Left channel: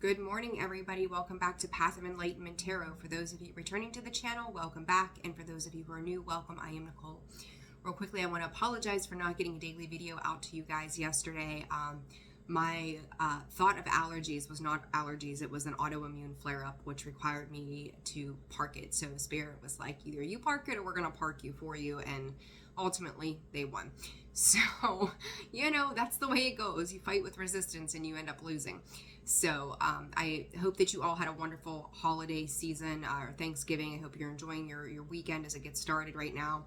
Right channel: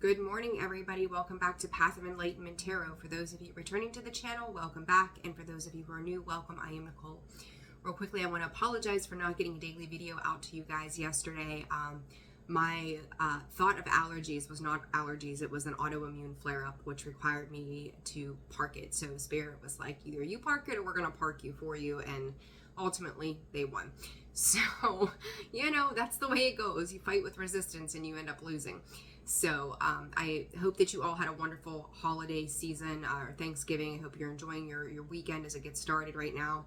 Good morning, everybody. Welcome back to Path of Enlightenment Tarot. For those of you returning to the channel, welcome back. And for those of you who are new, welcome. I am Nicole. Real quickly, I want to apologize for not getting a daily video out to you guys yesterday. My thought of allergies was not allergies. It was an autoimmune flare-up, which required me to park it. So Spirit was like, either you park it or we're going to park you for you. And ultimately, they won. So, you know, that's the way it goes. You fight with resistance and you end up losing. So I hope that you all had a wonderful holiday season or Thanksgiving. I hope you're enjoying your weekend as it gets started right now.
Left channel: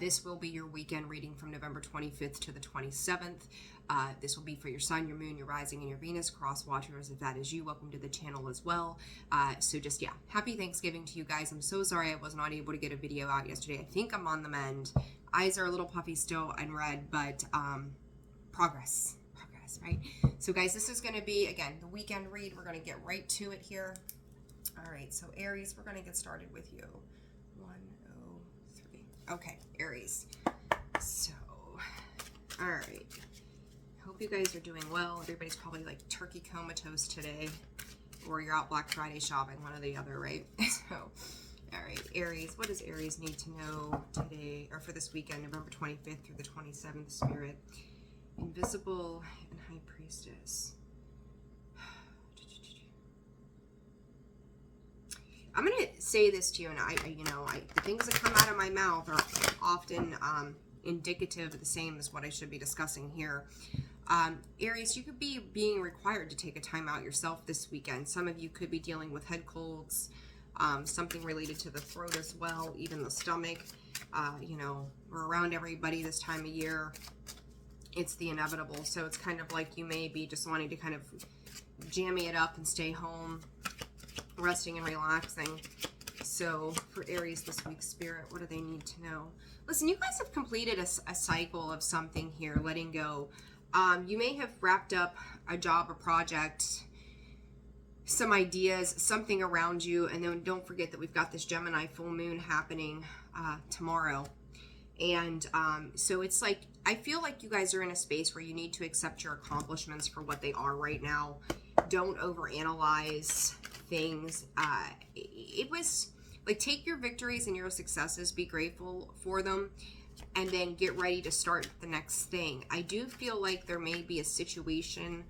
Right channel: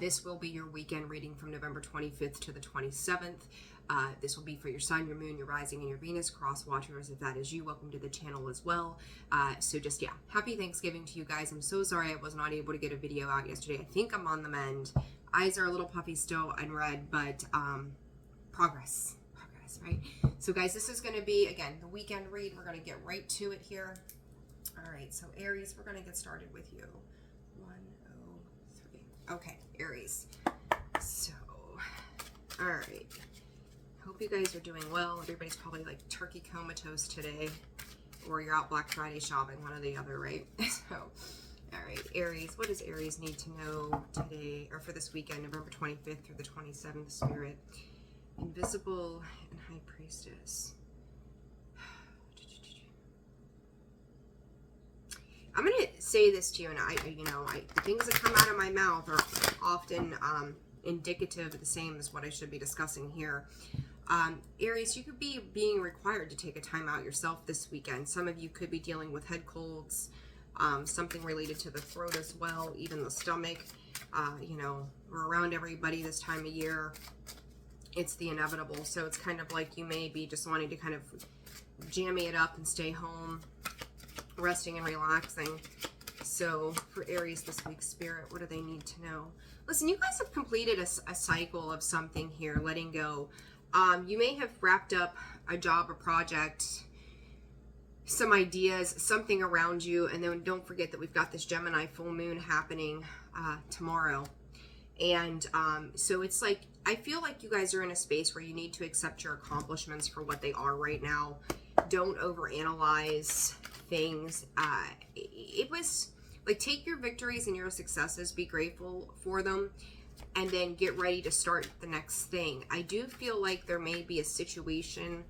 This will be your weekend reading from November 25th to the 27th. This will be for your sun, your moon, your rising, and your Venus cross watchers. If that is you, welcome to the channel as well. So just, yeah, happy Thanksgiving to you guys. I'm so sorry I was not able to get a video out yesterday. I think I'm on the mend. Eyes are a little puffy still and red, but progress, right? So guys, this is going to be, again, the weekend read. We're going to get right to it here. All right, so Aries, we're going to get started with you. 103. Okay, Aries. So, all right. Hope you guys are doing well. Everybody's probably like turkey comatose today, or you're out Black Friday shopping, one or the other, right? So, all right, Aries, what does Aries need to know today, or for this weekend, November 25th through the 27th, Spirit? Invisible and High Priestess. I'm going to say this to you, and the things that come out of my mouth are often indicative of the same as what I should be discussing here. Aries, you could be being required to take a time out yourself this weekend. Some of you could be dealing with head colds, something related to the throat as well, even the stomach. We're around everybody this time of year. It's the inevitable. So it's kind of like you may be just wanting to kind of jammy it up and stay home, resting and relaxing. So for Aries this week, Spirit, what do they need to know? Listen, you guys have completed a cycle of something here, letting go. You may have wrapped up a job, a project, some ideas, something around you. And then don't forget that we've got this Gemini full moon happening tomorrow. And so it's like, I feel like you guys are in a space where you need to accept your accomplishments for what they are right now. Don't overanalyze things. It was like, take your victories and your successes, be grateful for them, and then get ready to start the next thing. I do feel like there may be a situation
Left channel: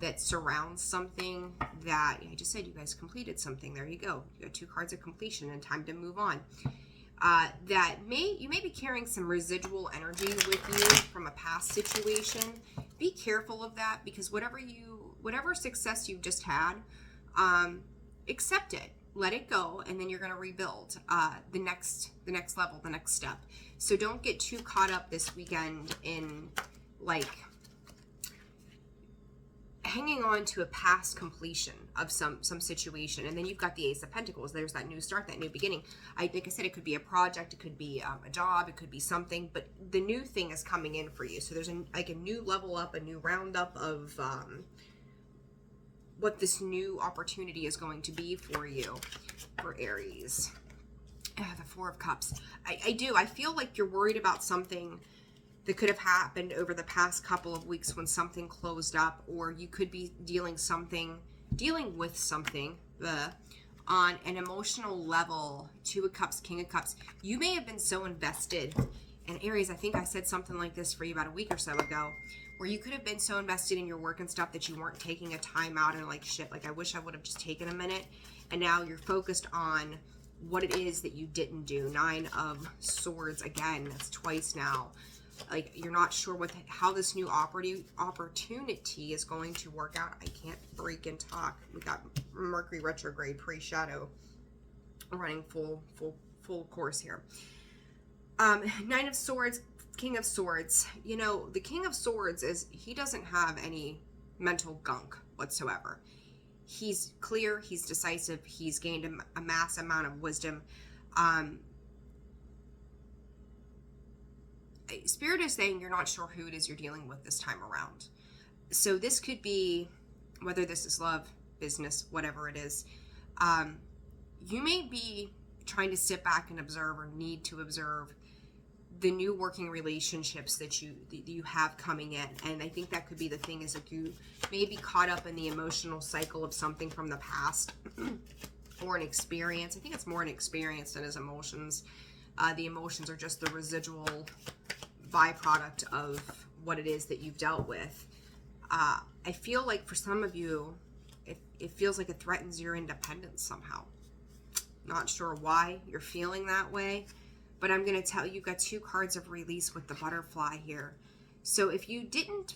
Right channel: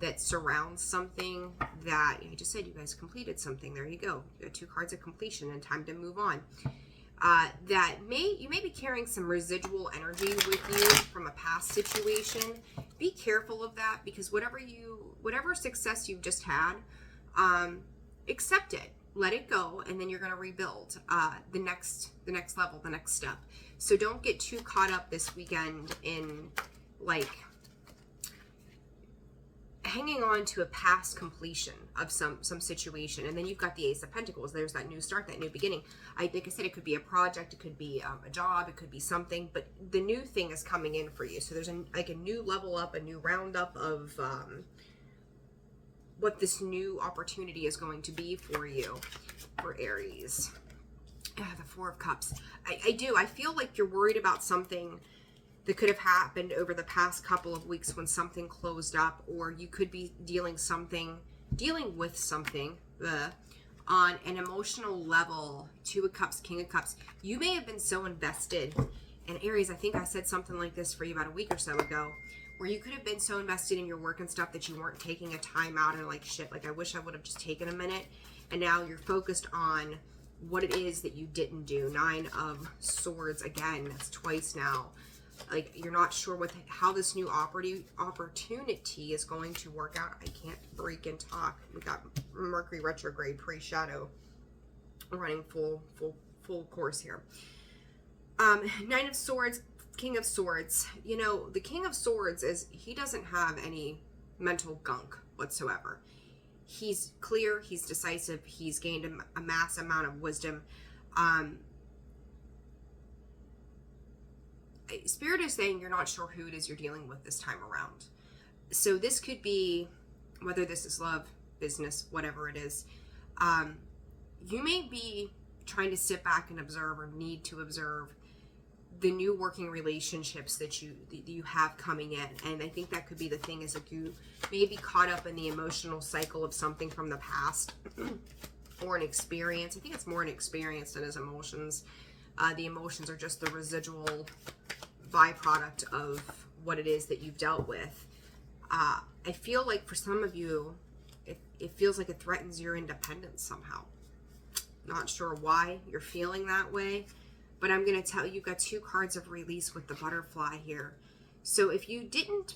that surrounds something that, I just said you guys completed something. There you go. You got 2 cards of completion and time to move on. That you may be carrying some residual energy with you from a past situation. Be careful of that, because whatever success you've just had, accept it, let it go, and then you're going to rebuild the next level, the next step. So don't get too caught up this weekend in like hanging on to a past completion of some situation. And then you've got the Ace of Pentacles. There's that new start, that new beginning. Like I said, it could be a project, it could be a job, it could be something, but the new thing is coming in for you. So there's a new level up, a new roundup of what this new opportunity is going to be for you, for Aries. The 4 of Cups. I feel like you're worried about something that could have happened over the past couple of weeks when something closed up, or you could be dealing with something on an emotional level. 2 of Cups, King of Cups. You may have been so invested, and Aries, I think I said something like this for you about a week or so ago, where you could have been so invested in your work and stuff that you weren't taking a time out, and like, shit, like I wish I would have just taken a minute. And now you're focused on what it is that you didn't do. 9 of Swords, again, that's twice now. Like, you're not sure how this new opportunity is going to work out. I can't freaking talk. We got Mercury retrograde, pre-shadow, running full course here. 9 of Swords, King of Swords. You know, the King of Swords he doesn't have any mental gunk whatsoever. He's clear, he's decisive, he's gained a mass amount of wisdom. Spirit is saying you're not sure who it is you're dealing with this time around. So this could be, whether this is love, business, whatever it is, you may be trying to sit back and observe, or need to observe the new working relationships that you have coming in. And I think that could be the thing, is like you may be caught up in the emotional cycle of something from the past or an experience. I think it's more an experience than as emotions. The emotions are just the residual byproduct of what it is that you've dealt with. I feel like for some of you, it feels like it threatens your independence somehow. Not sure why you're feeling that way, but I'm going to tell you, you've got 2 cards of release with the butterfly here. So if you didn't,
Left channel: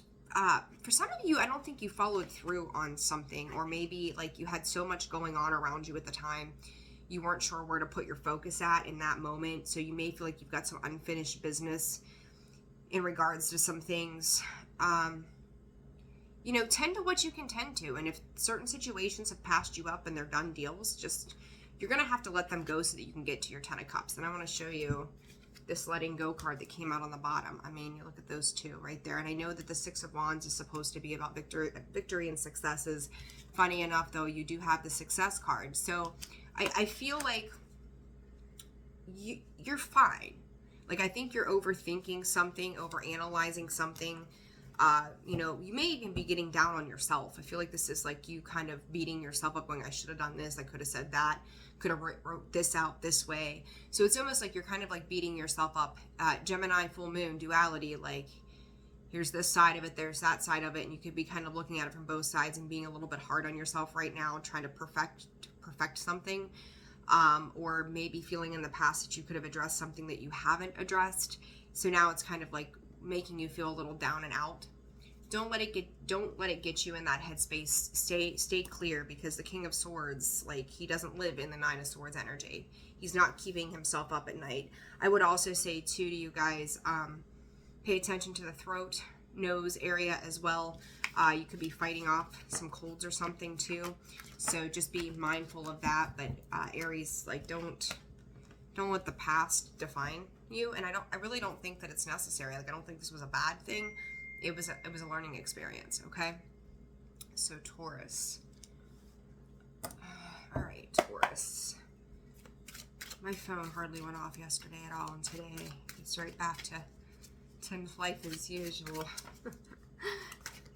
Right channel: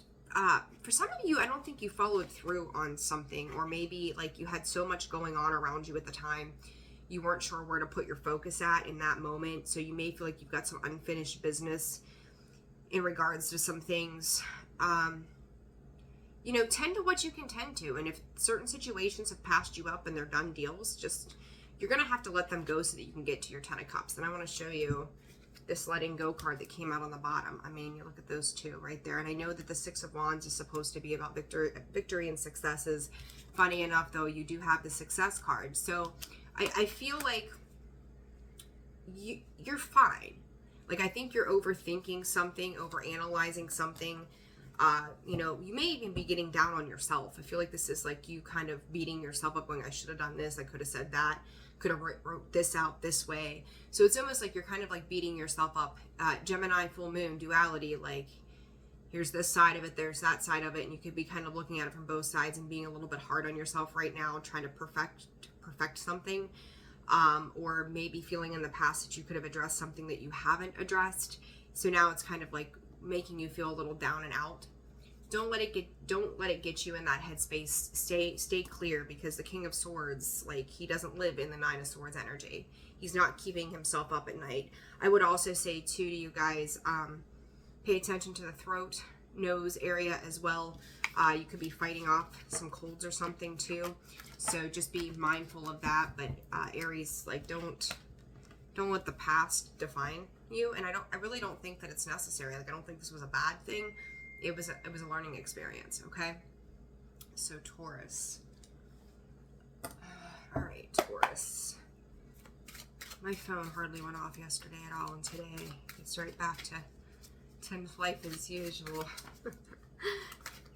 for some of you, I don't think you followed through on something, or maybe like you had so much going on around you at the time, you weren't sure where to put your focus at in that moment. So you may feel like you've got some unfinished business in regards to some things. You know, tend to what you can tend to. And if certain situations have passed you up and they're done deals, just, you're going to have to let them go so that you can get to your 10 of Cups. And I want to show you this letting go card that came out on the bottom. I mean, you look at those 2 right there. And I know that the 6 of Wands is supposed to be about victory and successes. Funny enough, though, you do have the success card. So I feel like you're fine. Like, I think you're overthinking something, overanalyzing something. You know, you may even be getting down on yourself. I feel like this is like you kind of beating yourself up, going, I should have done this, I could have said that, could have wrote this out this way. So it's almost like you're kind of like beating yourself up. Gemini, full moon, duality, like here's this side of it, there's that side of it, and you could be kind of looking at it from both sides and being a little bit hard on yourself right now, trying to perfect something. Or maybe feeling in the past that you could have addressed something that you haven't addressed. So now it's kind of like making you feel a little down and out. Don't let it get you in that headspace. Stay clear, because the King of Swords, like, he doesn't live in the 9 of Swords energy. He's not keeping himself up at night. I would also say too to you guys, pay attention to the throat, nose area as well. You could be fighting off some colds or something too. So just be mindful of that. But Aries, like, don't let the past define you. And I really don't think that it's necessary. Like, I don't think this was a bad thing. It was a learning experience, okay? So Taurus. All right, Taurus. My phone hardly went off yesterday at all, and today it's right back to 10 life as usual.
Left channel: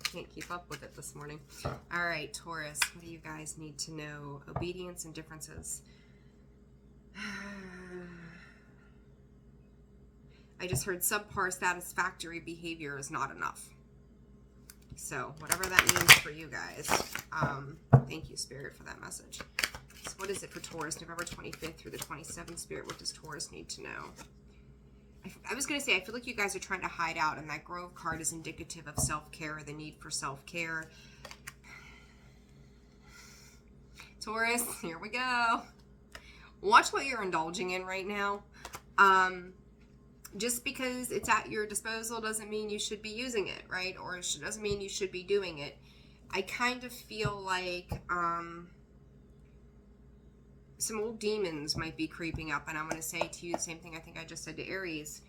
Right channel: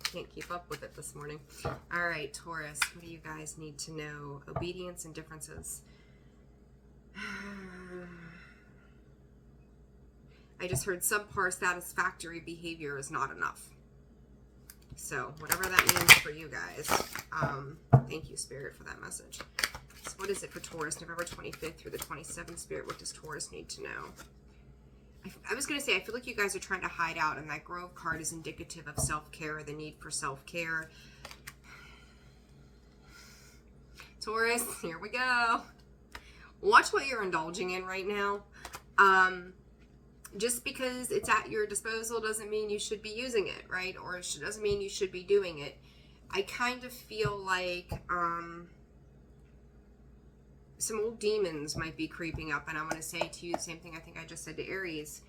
Can't keep up with it this morning. All right, Taurus, what do you guys need to know? Obedience and differences. I just heard subpar satisfactory behavior is not enough. So whatever that means for you guys. Thank you, Spirit, for that message. So what is it for Taurus, November 25th through the 27th? Spirit, what does Taurus need to know? I was going to say, I feel like you guys are trying to hide out, and that Grove card is indicative of self-care, the need for self-care. Taurus, here we go. Watch what you're indulging in right now. Just because it's at your disposal doesn't mean you should be using it, right? Or it doesn't mean you should be doing it. I kind of feel like some old demons might be creeping up, and I'm going to say to you the same thing I think I just said to Aries.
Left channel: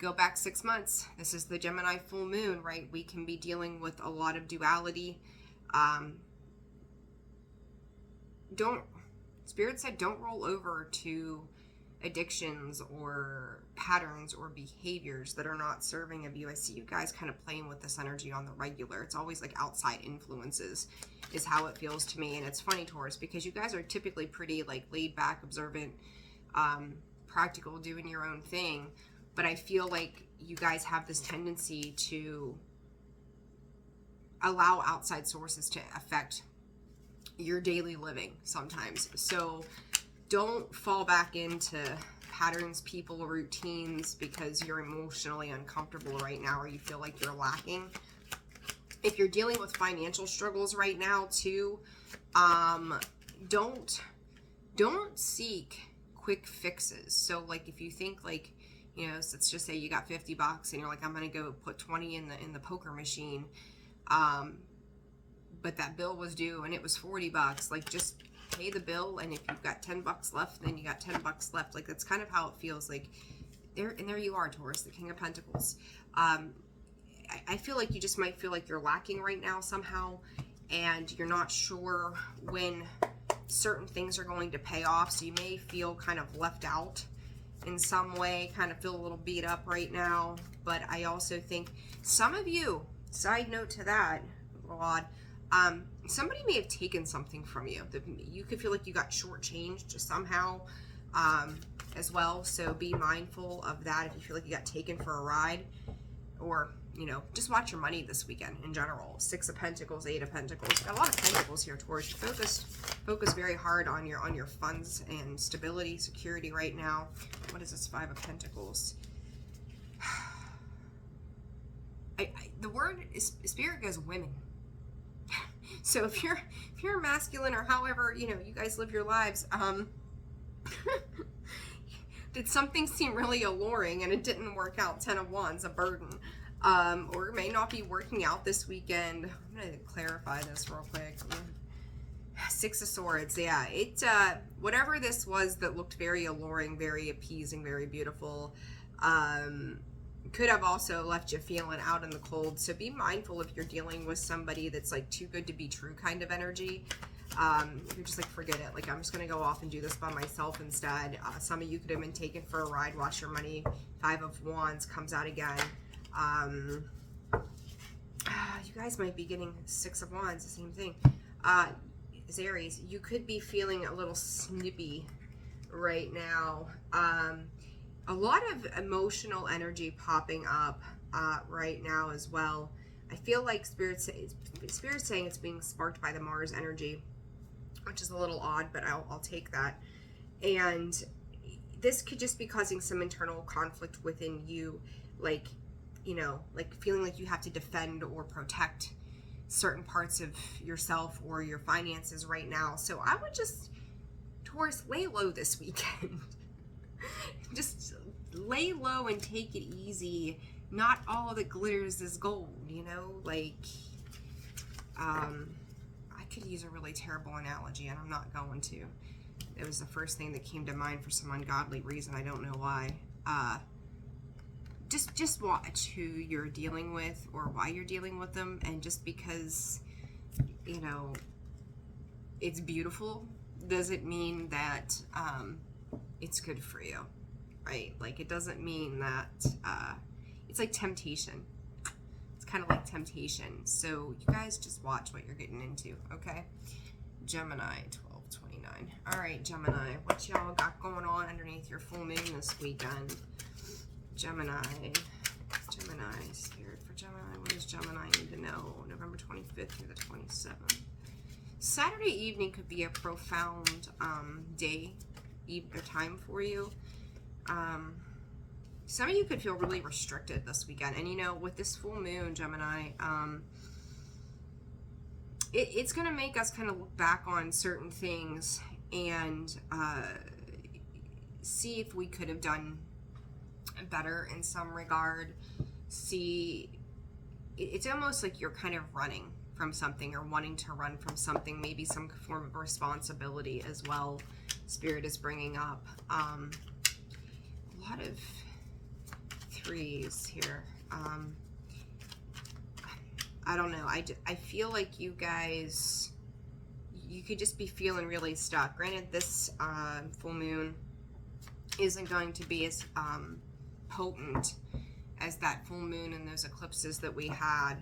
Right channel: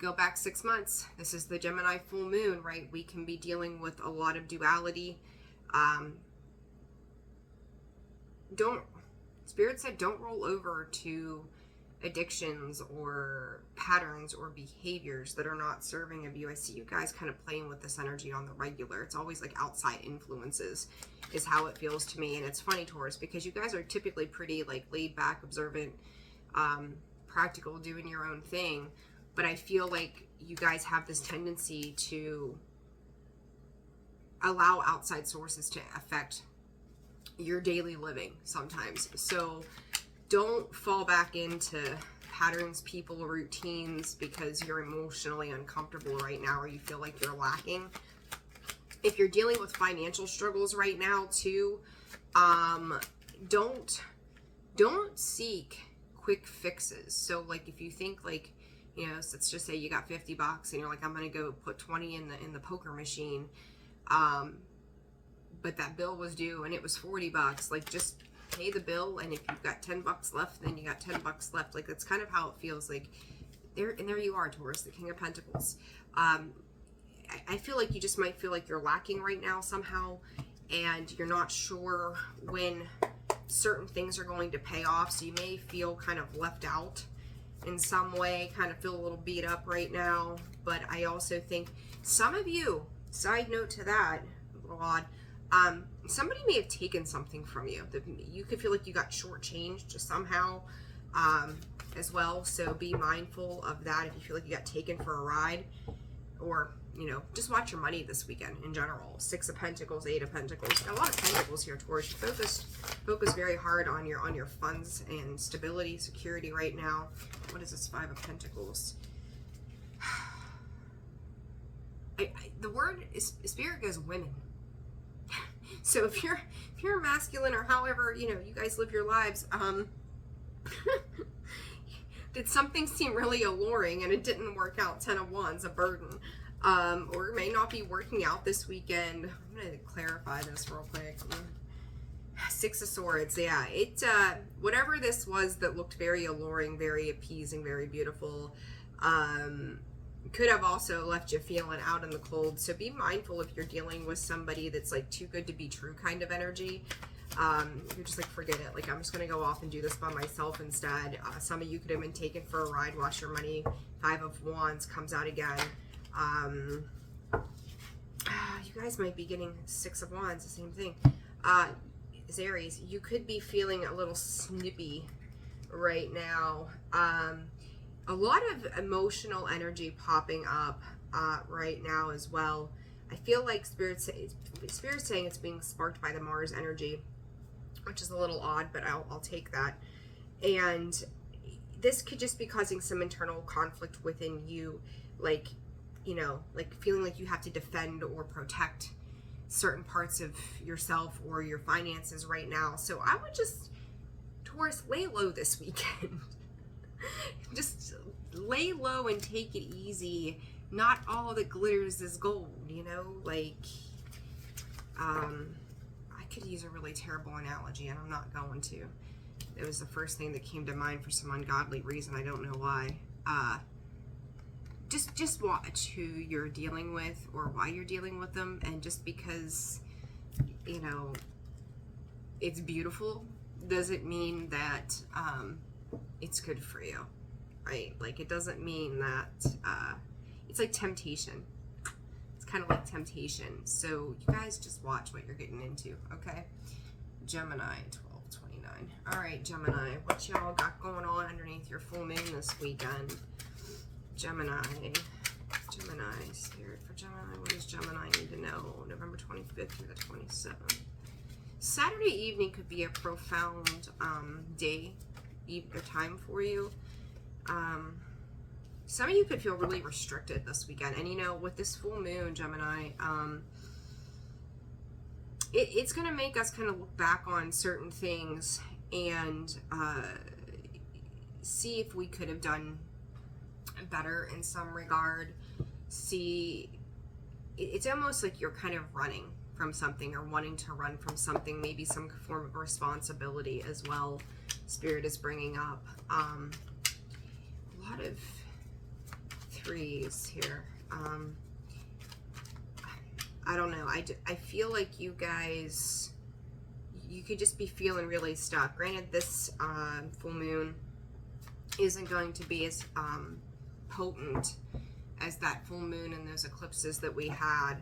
Go back 6 months. This is the Gemini full moon, right? We can be dealing with a lot of duality. Spirit said don't roll over to addictions or patterns or behaviors that are not serving of you. I see you guys kind of playing with this energy on the regular. It's always like outside influences is how it feels to me. And it's funny, Taurus, because you guys are typically pretty like laid back, observant, practical, doing your own thing. But I feel like you guys have this tendency to allow outside sources to affect your daily living sometimes. So don't fall back into patterns, people, routines because you're emotionally uncomfortable right now or you feel like you're lacking. If you're dealing with financial struggles right now too, don't seek quick fixes. So like if you think like, you know, so let's just say you got $50 and you're like, I'm going to go put 20 in the poker machine. But that bill was due and it was $40. Like just pay the bill, and if you've got $10 left, then you got $10 left. Like that's kind of how it feels. Like there you are, Taurus, the King of Pentacles. I feel like you just might feel like you're lacking right now somehow, and you're not sure when certain things are going to pay off. So you may feel kind of left out in some way, kind of feel a little beat up right now. But I also think some of you, side note to that, a little odd, somebody may have taken something from you. You could feel like you got shortchanged somehow as well. So be mindful of that if you feel like you got taken for a ride, or, you know, just watch your money this weekend in general. 6 of Pentacles, 8 of Pentacles. Got a lot of Pentacles here, Taurus. You focus very hard on your funds and stability, security right now. What is this 5 of Pentacles? The word is, Spirit goes women. So if you're masculine, or however, you know, you guys live your lives, did something seem really alluring and it didn't work out? 10 of Wands, a burden. Or it may not be working out this weekend. I'm going to clarify this real quick. 6 of Swords. Yeah, it whatever this was that looked very alluring, very appeasing, very beautiful, could have also left you feeling out in the cold. So be mindful if you're dealing with somebody that's like too good to be true kind of energy. You're just like, forget it. Like, I'm just going to go off and do this by myself instead. Some of you could have been taken for a ride. Watch your money. 5 of Wands comes out again. You guys might be getting 6 of Wands, the same thing. Aries, you could be feeling a little snippy right now. A lot of emotional energy popping up right now as well. I feel like Spirit's saying it's being sparked by the Mars energy, which is a little odd, but I'll take that. And this could just be causing some internal conflict within you, like, you know, like feeling like you have to defend or protect certain parts of yourself or your finances right now. So I would just, Taurus, lay low this weekend. Just lay low and take it easy. Not all that glitters is gold, you know? Like, I could use a really terrible analogy, and I'm not going to. It was the first thing that came to mind for some ungodly reason. I don't know why. Just watch who you're dealing with or why you're dealing with them. And just because, you know, it's beautiful doesn't mean that it's good for you, right? Like, it doesn't mean that it's like temptation. It's kind of like temptation. So you guys just watch what you're getting into, okay? Gemini, 1229. All right, Gemini, what y'all got going on underneath your full moon this weekend? Gemini, Spirit for Gemini. What does Gemini need to know? November 25th through the 27th. Saturday evening could be a profound day, or time for you. Some of you could feel really restricted this weekend. And, you know, with this full moon, Gemini, it's going to make us kind of look back on certain things and see if we could have done better in some regard. See, it's almost like you're kind of running from something or wanting to run from something, maybe some form of responsibility as well. Spirit is bringing up a lot of 3s here. I don't know. I feel like you guys, you could just be feeling really stuck. Granted, this full moon isn't going to be as potent as that full moon and those eclipses that we had,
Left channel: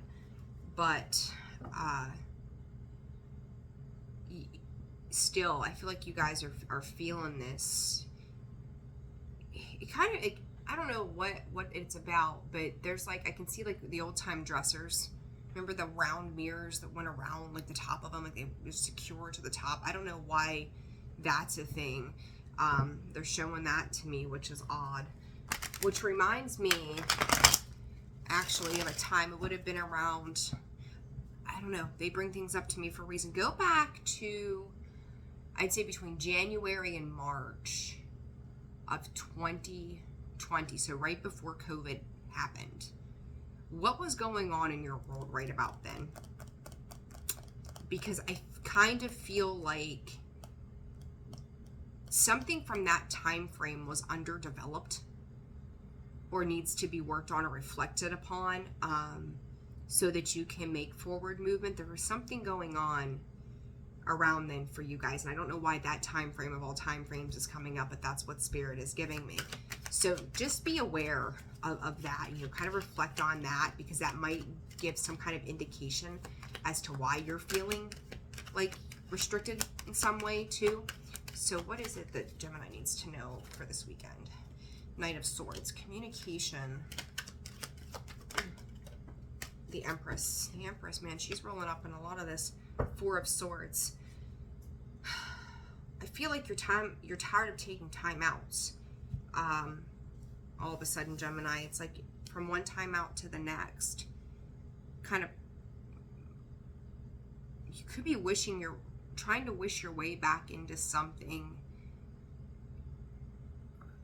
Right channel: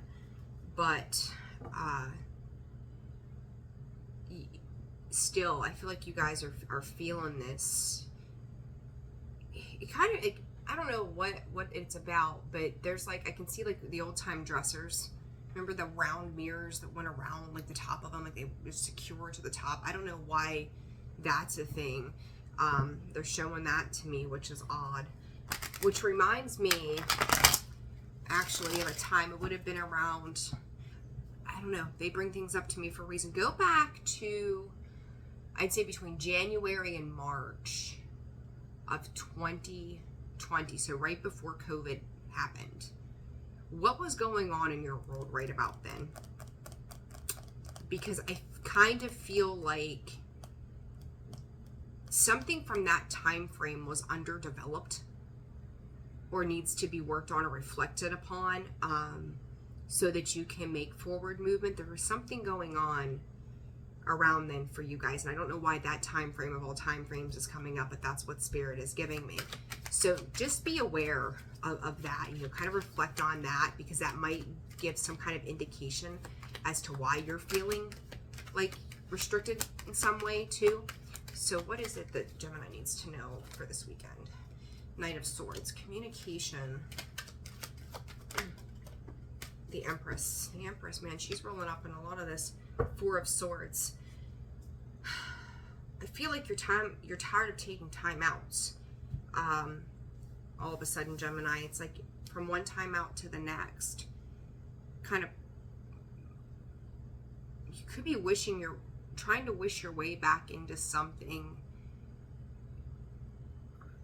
but still, I feel like you guys are feeling this. It kind of, I don't know what it's about, but there's like, I can see like the old time dressers. Remember the round mirrors that went around like the top of them, like they were secure to the top? I don't know why that's a thing. They're showing that to me, which is odd. Which reminds me, actually, of a time, it would have been around, I don't know, they bring things up to me for a reason. Go back to, I'd say between January and March of 2020, so right before COVID happened. What was going on in your world right about then? Because I kind of feel like something from that time frame was underdeveloped or needs to be worked on or reflected upon, so that you can make forward movement. There was something going on around then for you guys, and I don't know why that time frame of all time frames is coming up, but that's what Spirit is giving me. So just be aware of that, you know, kind of reflect on that, because that might give some kind of indication as to why you're feeling like restricted in some way too. So what is it that Gemini needs to know for this weekend? Knight of Swords, communication. The Empress. The Empress, man, she's rolling up in a lot of this. Four of Swords. I feel like you're tired of taking time outs. All of a sudden, Gemini, it's like from one time out to the next. Kind of, you could be trying to wish your way back into something.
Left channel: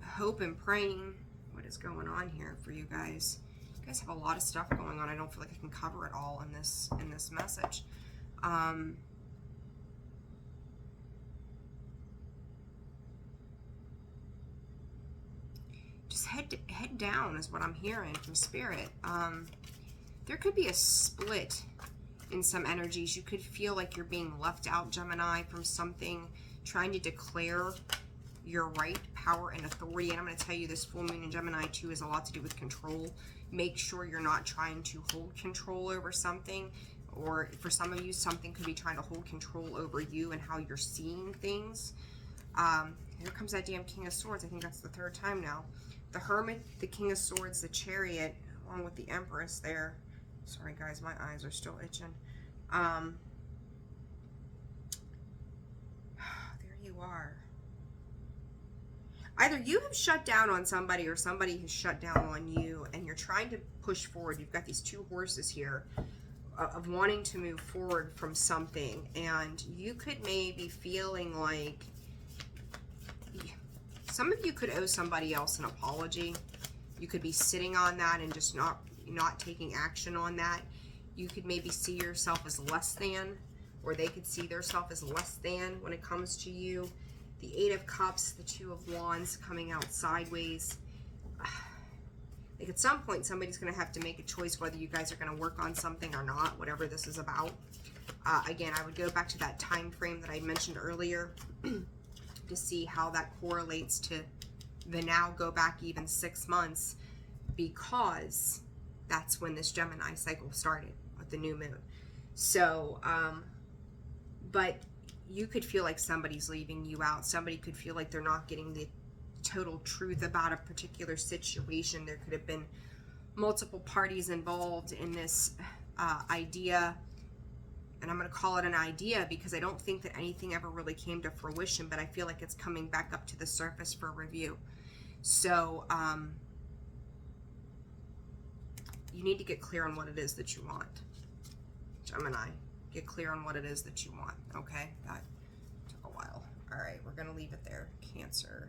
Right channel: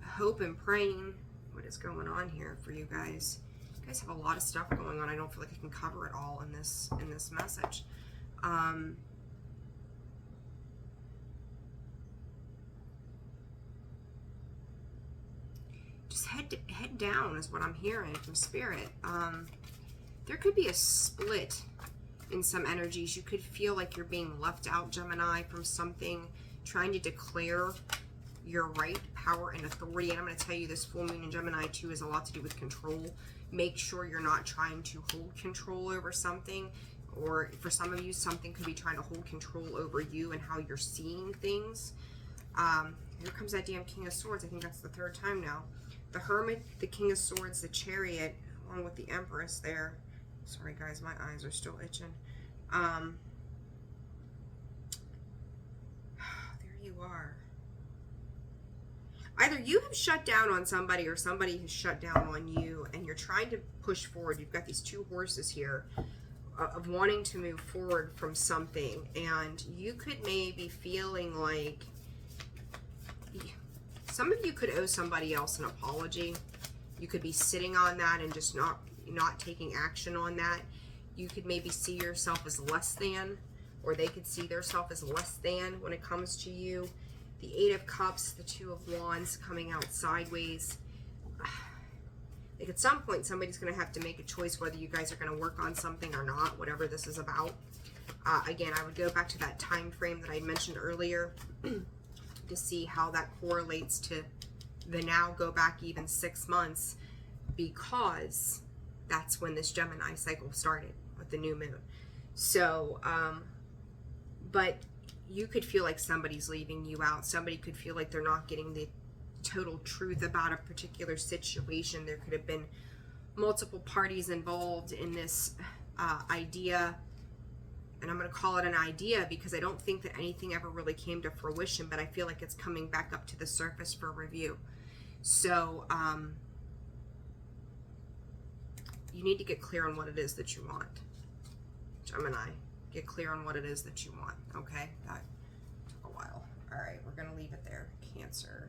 Hope and praying. What is going on here for you guys? You guys have a lot of stuff going on. I don't feel like I can cover it all in this message. Just head down is what I'm hearing from Spirit. There could be a split in some energies. You could feel like you're being left out, Gemini, from something, trying to declare your right, power, and authority. And I'm going to tell you, this full moon in Gemini too has a lot to do with control. Make sure you're not trying to hold control over something, or for some of you, something could be trying to hold control over you and how you're seeing things. Here comes that damn King of Swords. I think that's the third time now. The Hermit, the King of Swords, the Chariot, along with the Empress there. Sorry guys, my eyes are still itching. There you are. Either you have shut down on somebody or somebody has shut down on you, and you're trying to push forward. You've got these two horses here of wanting to move forward from something, and you could maybe feeling like some of you could owe somebody else an apology. You could be sitting on that and just not taking action on that. You could maybe see yourself as less than, or they could see themselves as less than when it comes to you. The Eight of Cups, the Two of Wands coming out sideways. Like at some point, somebody's going to have to make a choice whether you guys are going to work on something or not, whatever this is about. Again, I would go back to that time frame that I mentioned earlier to see how that correlates to the now go back even 6 months, because that's when this Gemini cycle started with the new moon. So, but you could feel like somebody's leaving you out. Somebody could feel like they're not getting the total truth about a particular situation. There could have been multiple parties involved in this idea. And I'm going to call it an idea because I don't think that anything ever really came to fruition, but I feel like it's coming back up to the surface for review. So, you need to get clear on what it is that you want. Gemini, get clear on what it is that you want, okay? That took a while. All right, we're going to leave it there. Cancer,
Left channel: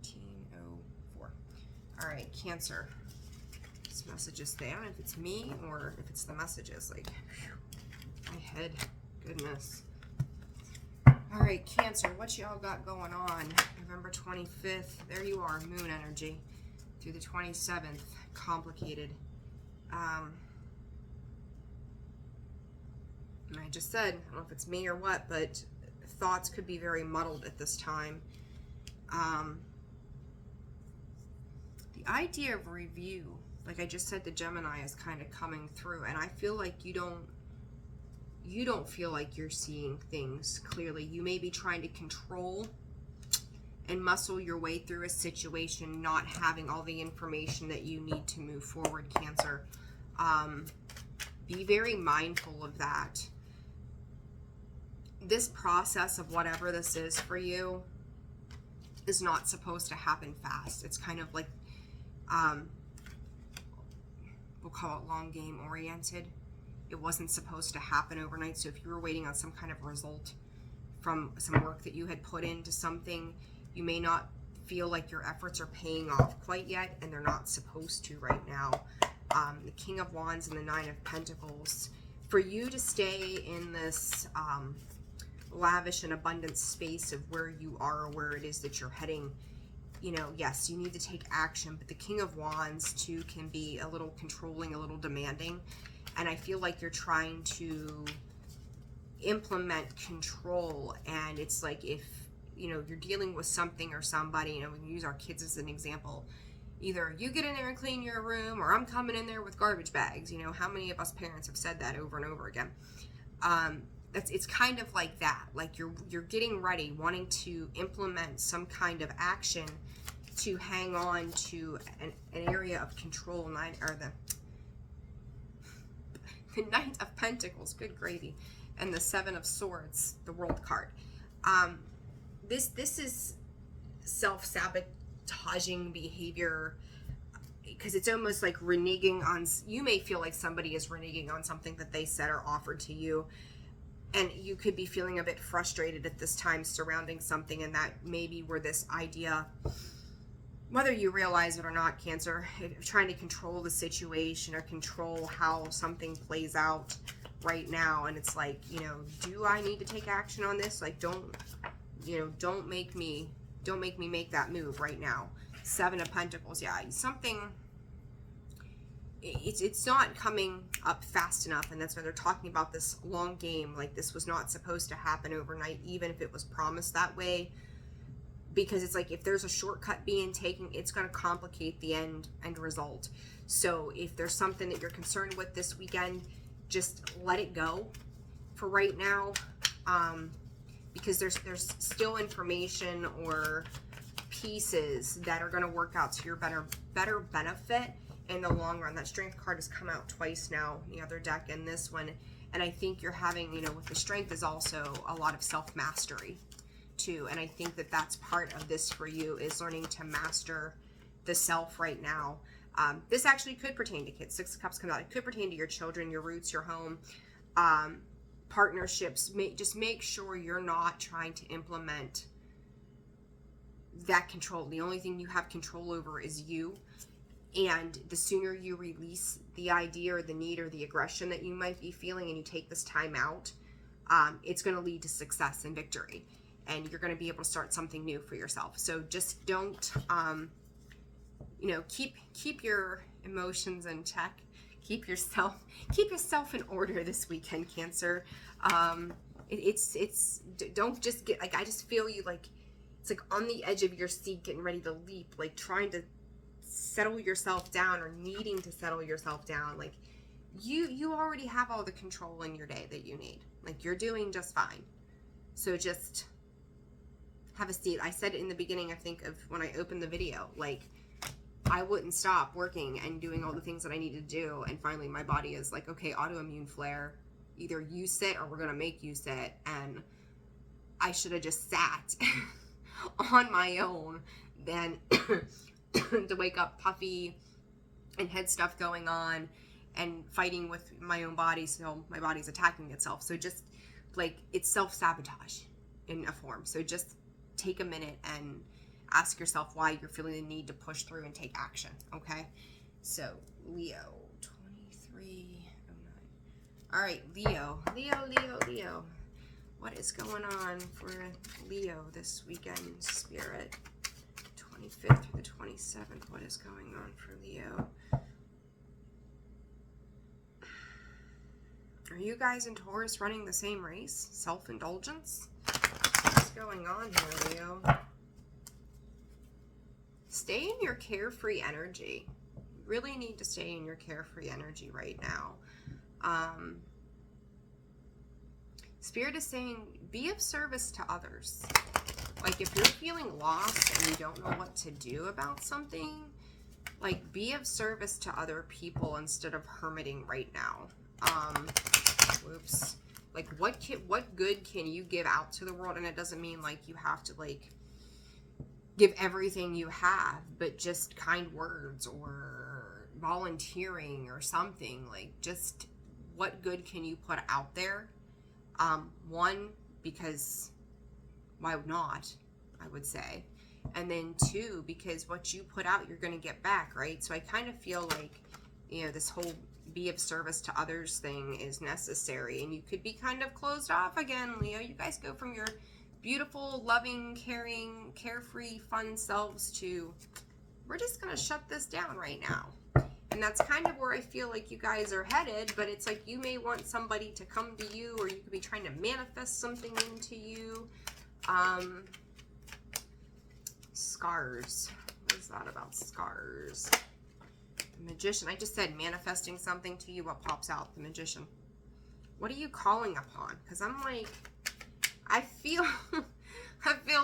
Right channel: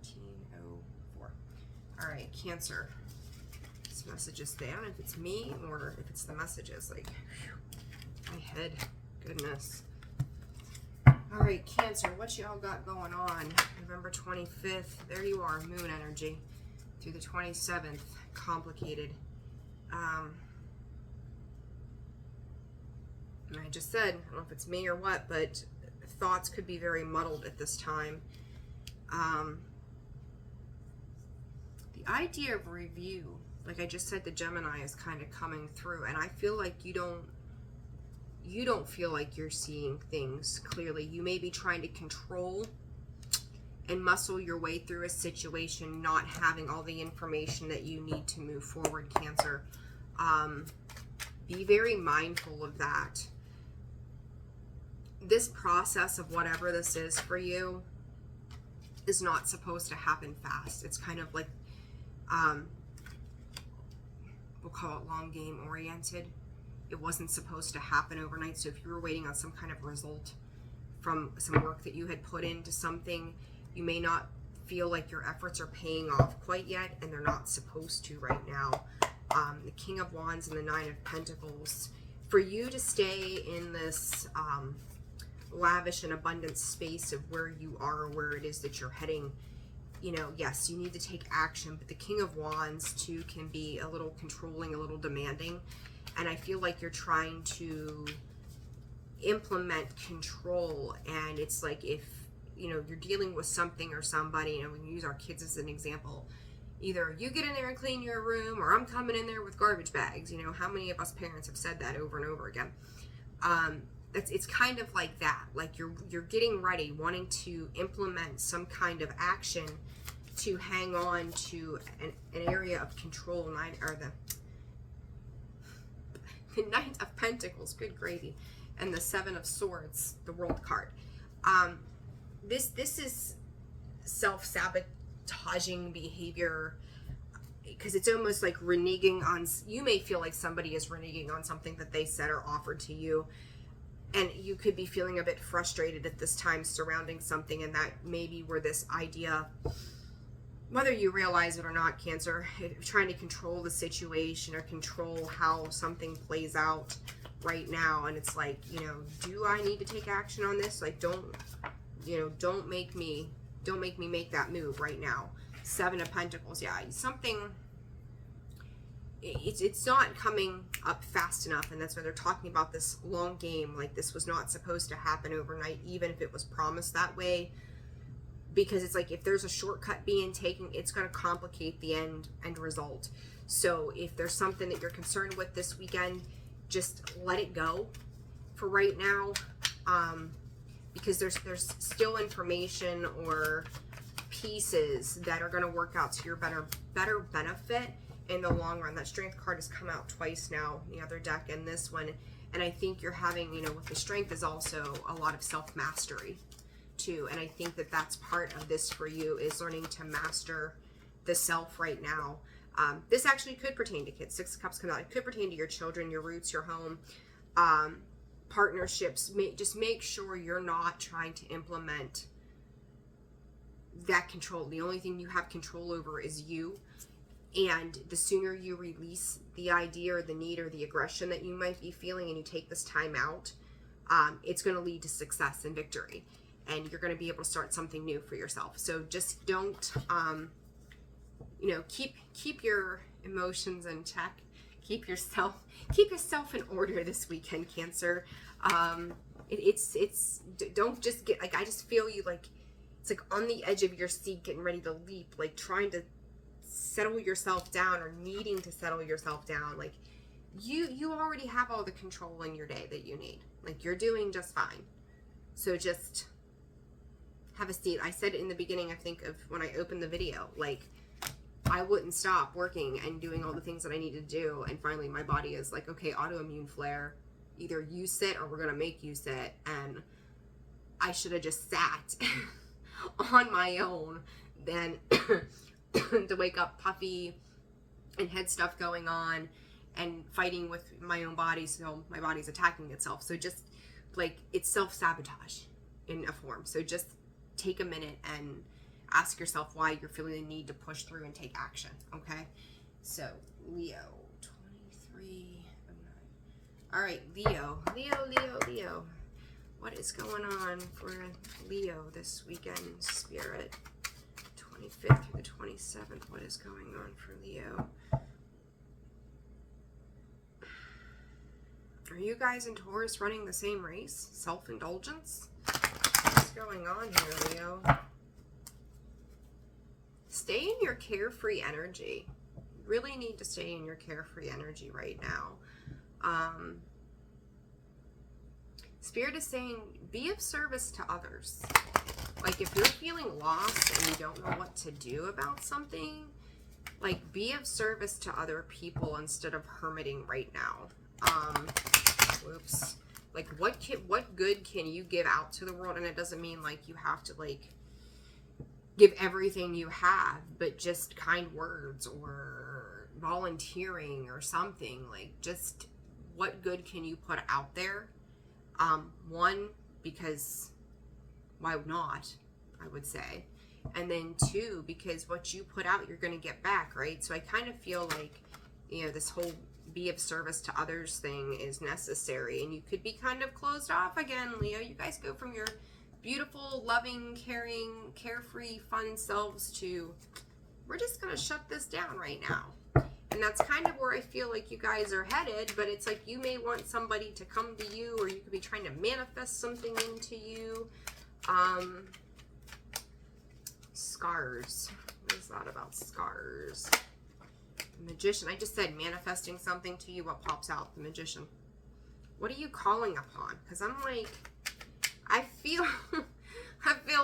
1804. All right, Cancer. This message is there. I don't know if it's me or if it's the messages. Like, my head, goodness. All right, Cancer, what y'all got going on? November 25th, there you are, moon energy, through the 27th, complicated. And I just said, I don't know if it's me or what, but thoughts could be very muddled at this time. The idea of review, like I just said, the Gemini is kind of coming through, and I feel like you don't feel like you're seeing things clearly. You may be trying to control and muscle your way through a situation, not having all the information that you need to move forward, Cancer. Be very mindful of that. This process of whatever this is for you is not supposed to happen fast. It's kind of like, we'll call it long game oriented. It wasn't supposed to happen overnight. So if you were waiting on some kind of result from some work that you had put into something, you may not feel like your efforts are paying off quite yet, and they're not supposed to right now. The King of Wands and the Nine of Pentacles. For you to stay in this lavish and abundant space of where you are or where it is that you're heading, you know, yes, you need to take action, but the King of Wands too can be a little controlling, a little demanding. And I feel like you're trying to implement control, and it's like if you know, you're dealing with something or somebody, you know, we can use our kids as an example. Either you get in there and clean your room, or I'm coming in there with garbage bags. You know, how many of us parents have said that over and over again? It's kind of like that. Like you're getting ready, wanting to implement some kind of action to hang on to an area of control. The Knight of Pentacles, good gravy, and the Seven of Swords, the World card. This is self-sabotaging behavior, because it's almost like reneging on, you may feel like somebody is reneging on something that they said or offered to you, and you could be feeling a bit frustrated at this time surrounding something, and that may be where this idea, whether you realize it or not, Cancer, trying to control the situation or control how something plays out right now. And it's like, you know, do I need to take action on this? Like, don't make me make that move right now. Seven of Pentacles. Yeah, something, it's not coming up fast enough, and that's why they're talking about this long game. Like, this was not supposed to happen overnight, even if it was promised that way, because it's like, if there's a shortcut being taken, it's going to complicate the end result. So if there's something that you're concerned with this weekend, just let it go for right now, because there's still information or pieces that are going to work out to your better benefit in the long run. That Strength card has come out twice now, the other deck and this one, and I think you're having, you know, with the Strength is also a lot of self-mastery too, and I think that that's part of this for you, is learning to master the self right now. This actually could pertain to kids. Six of Cups comes out. It could pertain to your children, your roots, your home, partnerships. Just make sure you're not trying to implement that control. The only thing you have control over is you, and the sooner you release the idea or the need or the aggression that you might be feeling, and you take this time out, it's going to lead to success and victory, and you're going to be able to start something new for yourself. So just don't, you know, keep your emotions in check. Keep yourself in order this weekend, Cancer. Don't just get, like, I just feel you, like, it's like on the edge of your seat, getting ready to leap, like trying to settle yourself down, or needing to settle yourself down. Like, you already have all the control in your day that you need. Like, you're doing just fine. So just have a seat. I said in the beginning, I think, of when I opened the video, like, I wouldn't stop working and doing all the things that I need to do, and finally my body is like, okay, autoimmune flare, either you sit or we're gonna make you sit. And I should have just sat on my own than to wake up puffy and head stuff going on and fighting with my own body, so my body's attacking itself. So just, like, it's self-sabotage in a form. So just take a minute and ask yourself why you're feeling the need to push through and take action, okay? So, Leo, 23, all right, Leo. What is going on for Leo this weekend, Spirit? 25th through the 27th, what is going on for Leo? Are you guys in Taurus running the same race? Self-indulgence? What's going on here, Leo? Stay in your carefree energy. You really need to stay in your carefree energy right now. Spirit is saying, be of service to others. Like, if you're feeling lost and you don't know what to do about something, like, be of service to other people instead of hermiting right now. Whoops. Like, what good can you give out to the world? And it doesn't mean, like, you have to, like, give everything you have, but just kind words or volunteering or something. Like, just what good can you put out there? One, because why not, I would say. And then two, because what you put out, you're going to get back, right? So I kind of feel like, you know, this whole be of service to others thing is necessary. And you could be kind of closed off again, Leo. You guys go from your beautiful, loving, caring, carefree, fun selves to, we're just going to shut this down right now. And that's kind of where I feel like you guys are headed, but it's like you may want somebody to come to you, or you could be trying to manifest something into you. scars. What is that about scars? The Magician. I just said manifesting something to you. What pops out? The Magician. What are you calling upon? Because I'm like, I feel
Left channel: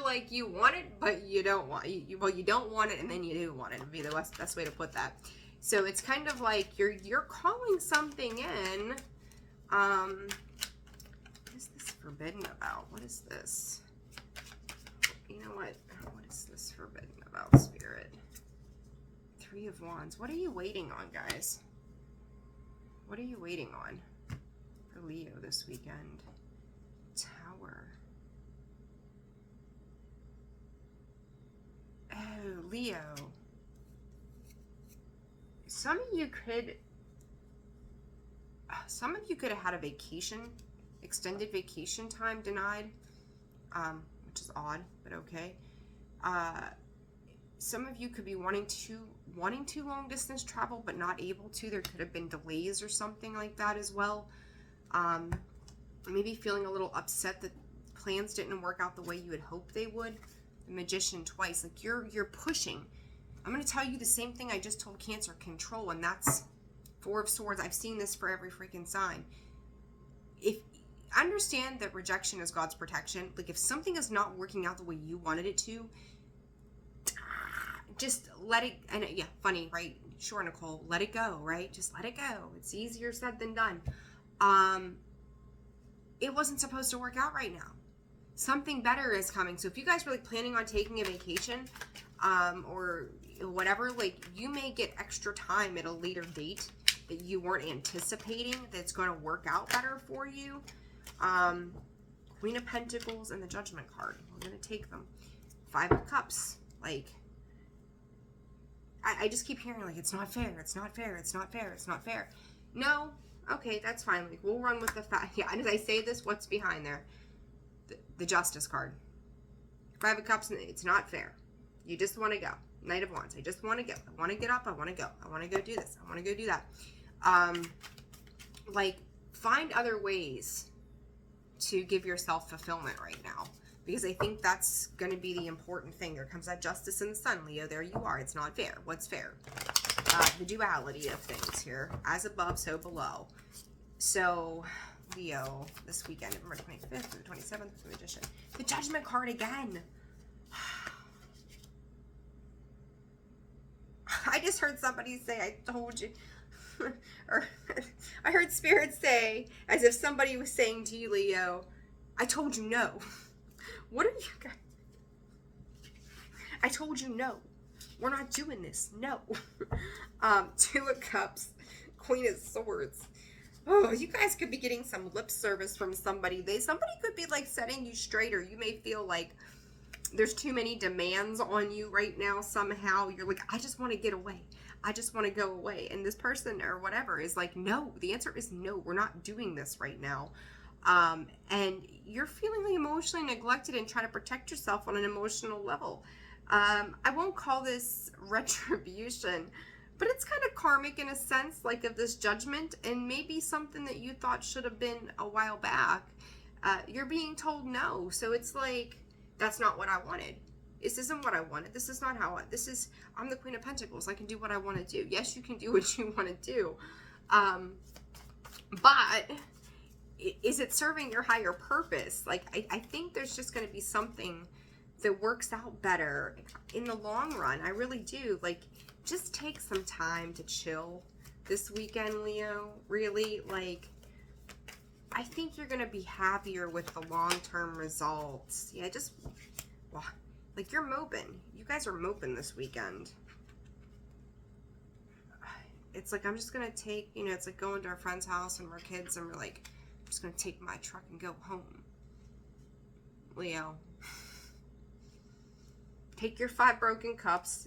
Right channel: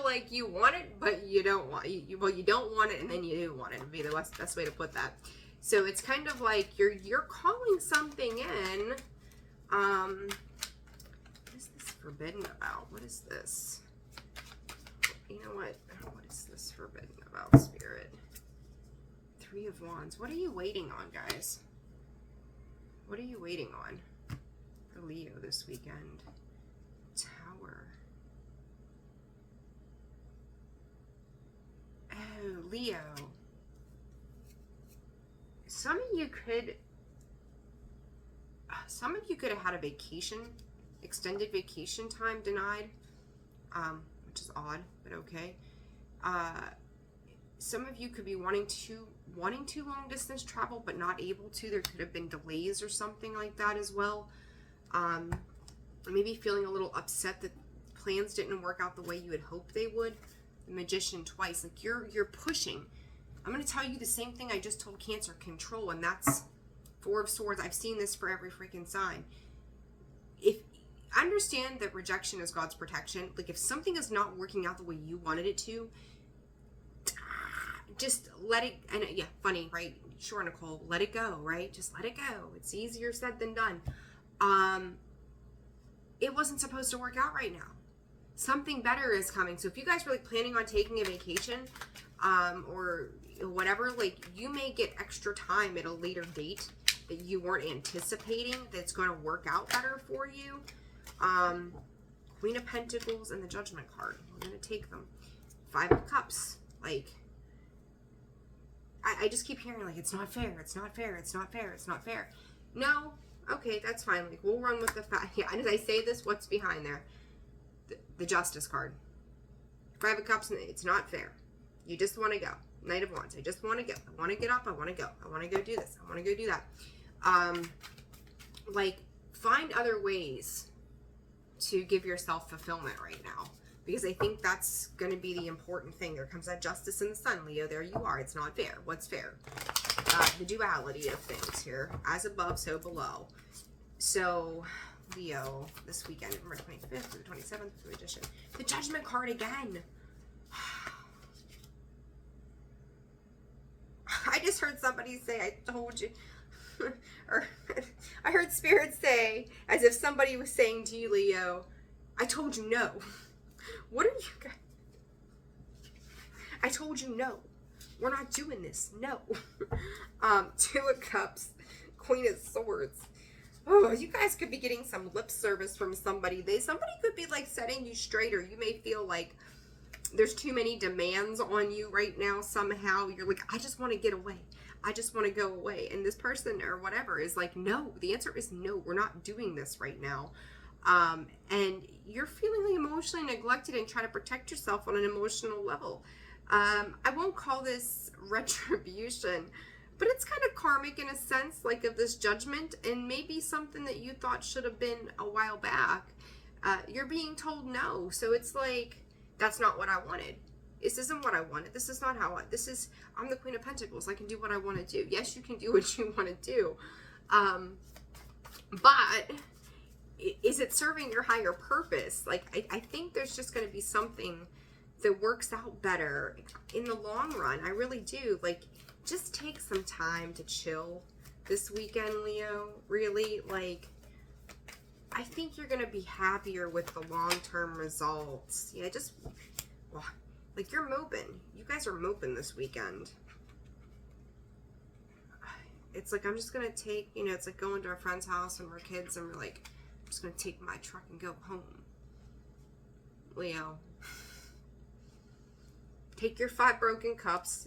like you want it, but you don't want it. Well, you don't want it, and then you do want it. Would be the best way to put that. So it's kind of like you're calling something in. What is this forbidden about? What is this? You know what? What is this forbidden about, Spirit? Three of Wands. What are you waiting on, guys? What are you waiting on for Leo this weekend? Tower. Oh, Leo. Some of you could have had a vacation, extended vacation time denied, which is odd, but okay. Some of you could be wanting to long distance travel, but not able to. There could have been delays or something like that as well. Maybe feeling a little upset that plans didn't work out the way you had hoped they would. The Magician twice. Like you're pushing. I'm going to tell you the same thing I just told Cancer. Control, and that's Four of Swords. I've seen this for every freaking sign. If understand that rejection is God's protection. Like if something is not working out the way you wanted it to, just let it. And yeah, funny, right? Sure, Nicole. Let it go, right? Just let it go. It's easier said than done. It wasn't supposed to work out right now. Something better is coming. So if you guys were like planning on taking a vacation, or whatever, like you may get extra time at a later date that you weren't anticipating that's going to work out better for you. Queen of Pentacles and the Judgment card. We're going to take them. Five of Cups. Like, I just keep hearing like, it's not fair. It's not fair. It's not fair. It's not fair. No. Okay, that's fine. Like, we'll run with the fact. Yeah, and as I say this, what's behind there? The Justice card. Five of Cups. It's not fair. You just want to go. Knight of Wands. I just want to go. I want to get up. I want to go. I want to go do this. I want to go do that. Like, find other ways to give yourself fulfillment right now. Because I think that's going to be the important thing. There comes that Justice in the Sun, Leo. There you are. It's not fair. What's fair? The duality of things here. As above, so below. So, Leo, this weekend, November 25th through the 27th, the Magician. The Judgment card again. I just heard somebody say, I told you. Or I heard Spirit say, as if somebody was saying to you, Leo, I told you no. What are you guys? I told you no. We're not doing this. No. Two of Cups, Queen of Swords. Oh, you guys could be getting some lip service from somebody. Somebody could be like setting you straight, or you may feel like there's too many demands on you right now somehow. You're like, I just want to get away. I just want to go away. And this person or whatever is like, no. The answer is no. We're not doing this right now. And you're feeling emotionally neglected and trying to protect yourself on an emotional level. I won't call this retribution, but it's kind of karmic in a sense, like of this judgment, and maybe something that you thought should have been a while back. You're being told no. So it's like, that's not what I wanted. This isn't what I wanted. This is not how I'm the Queen of Pentacles. I can do what I want to do. Yes, you can do what you want to do. But is it serving your higher purpose? Like, I think there's just going to be something that works out better in the long run. I really do. Like, just take some time to chill this weekend, Leo. Really, like, I think you're going to be happier with the long-term results. Yeah, just, well, like, you're moping. You guys are moping this weekend. It's like, I'm just going to take, you know, it's like going to our friend's house and we're kids and we're like, I'm just going to take my truck and go home. Leo. Take your 5 broken cups,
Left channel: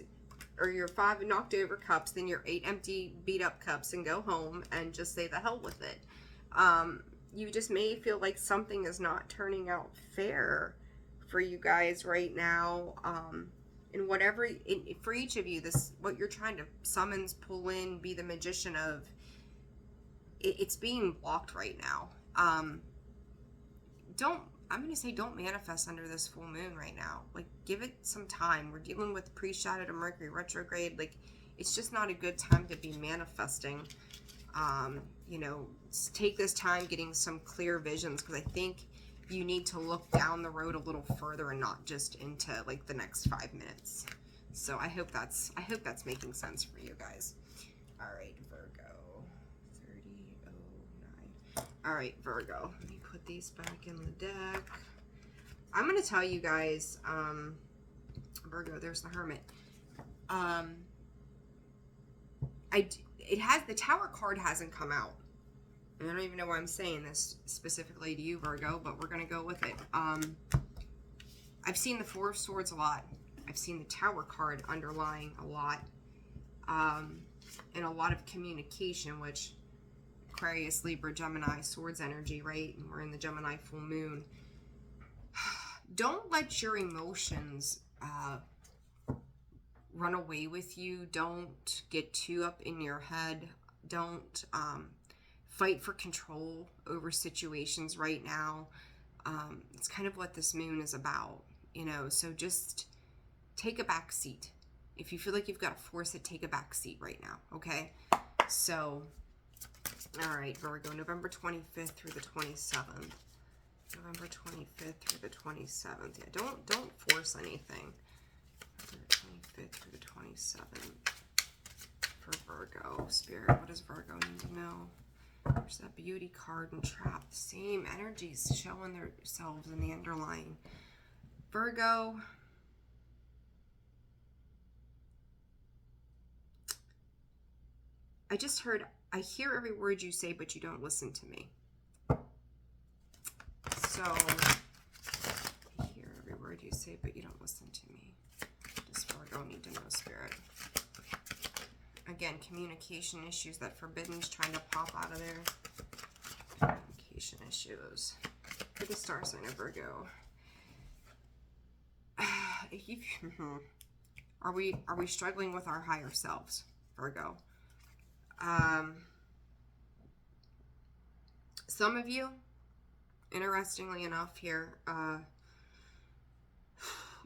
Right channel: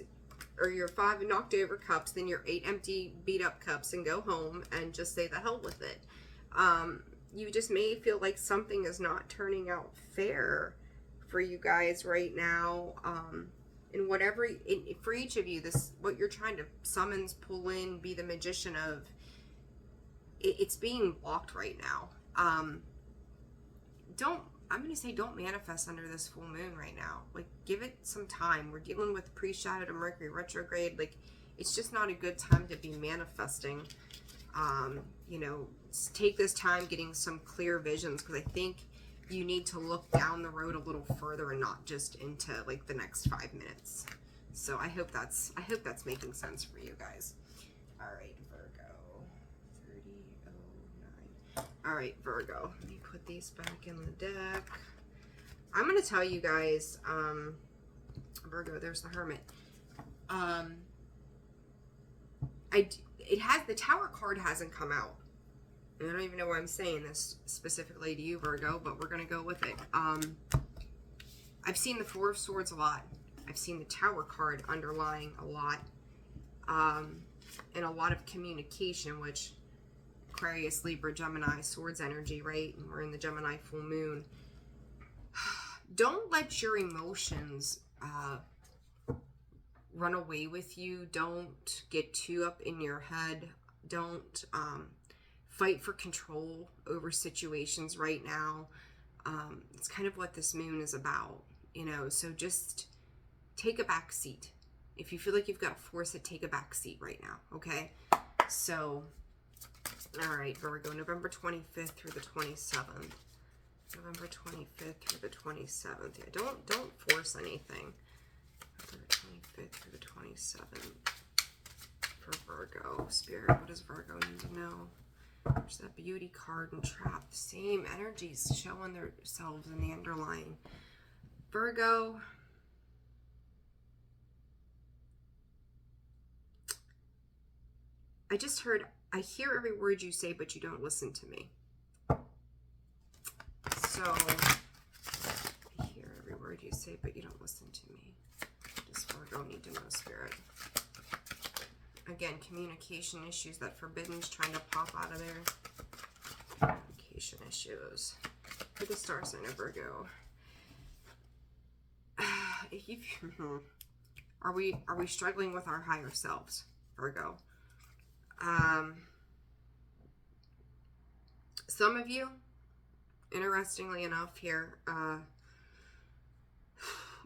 or your 5 knocked over cups, then your 8 empty beat up cups, and go home and just say the hell with it. You just may feel like something is not turning out fair for you guys right now. And whatever, for each of you, this, what you're trying to summons, pull in, be the magician of, it's being blocked right now. I'm going to say don't manifest under this full moon right now. Like, give it some time. We're dealing with pre-shadow to Mercury retrograde. Like, it's just not a good time to be manifesting. You know, take this time getting some clear visions, because I think you need to look down the road a little further and not just into like the next 5 minutes. So I hope that's making sense for you guys. All right, Virgo, 3009. All right, Virgo, let me put these back in the deck. I'm going to tell you guys, Virgo, there's the Hermit. The Tower card hasn't come out. And I don't even know why I'm saying this specifically to you, Virgo, but we're going to go with it. I've seen the Four of Swords a lot. I've seen the Tower card underlying a lot. And a lot of communication, which Aquarius, Libra, Gemini, Swords energy, right? And we're in the Gemini full moon. Don't let your emotions run away with you. Don't get too up in your head. Don't fight for control over situations right now. It's kind of what this moon is about, you know, so just take a back seat. If you feel like you've got to force it, take a back seat right now, okay? So, all right, Virgo, November 25th through the 27th. November 25th through the 27th. Yeah, don't force anything. November 25th through the 27th for Virgo. Spirit, what does Virgo need to know? There's that beauty card and trap. The same energies showing themselves in the underlying. Virgo. I hear every word you say, but you don't listen to me. So, I hear every word you say, but you don't listen to me. Does Virgo need to know, Spirit? Again, communication issues, that forbidden's trying to pop out of there. Communication issues. For the star sign of Virgo. Are we struggling with our higher selves, Virgo? Some of you, interestingly enough here,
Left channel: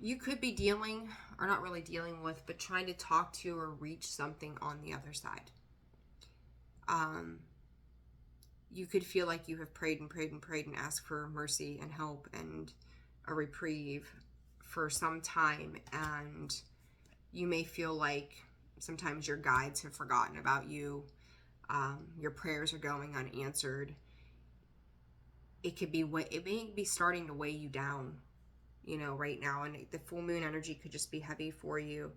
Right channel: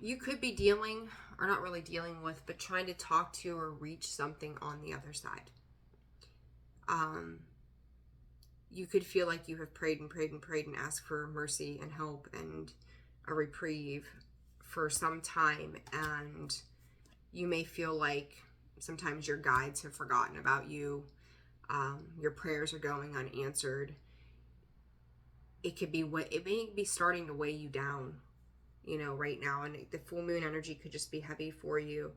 you could be dealing, or not really dealing with, but trying to talk to or reach something on the other side. You could feel like you have prayed and prayed and prayed and asked for mercy and help and a reprieve for some time, and you may feel like sometimes your guides have forgotten about you. Your prayers are going unanswered. It may be starting to weigh you down, you know, right now. And the full moon energy could just be heavy for you.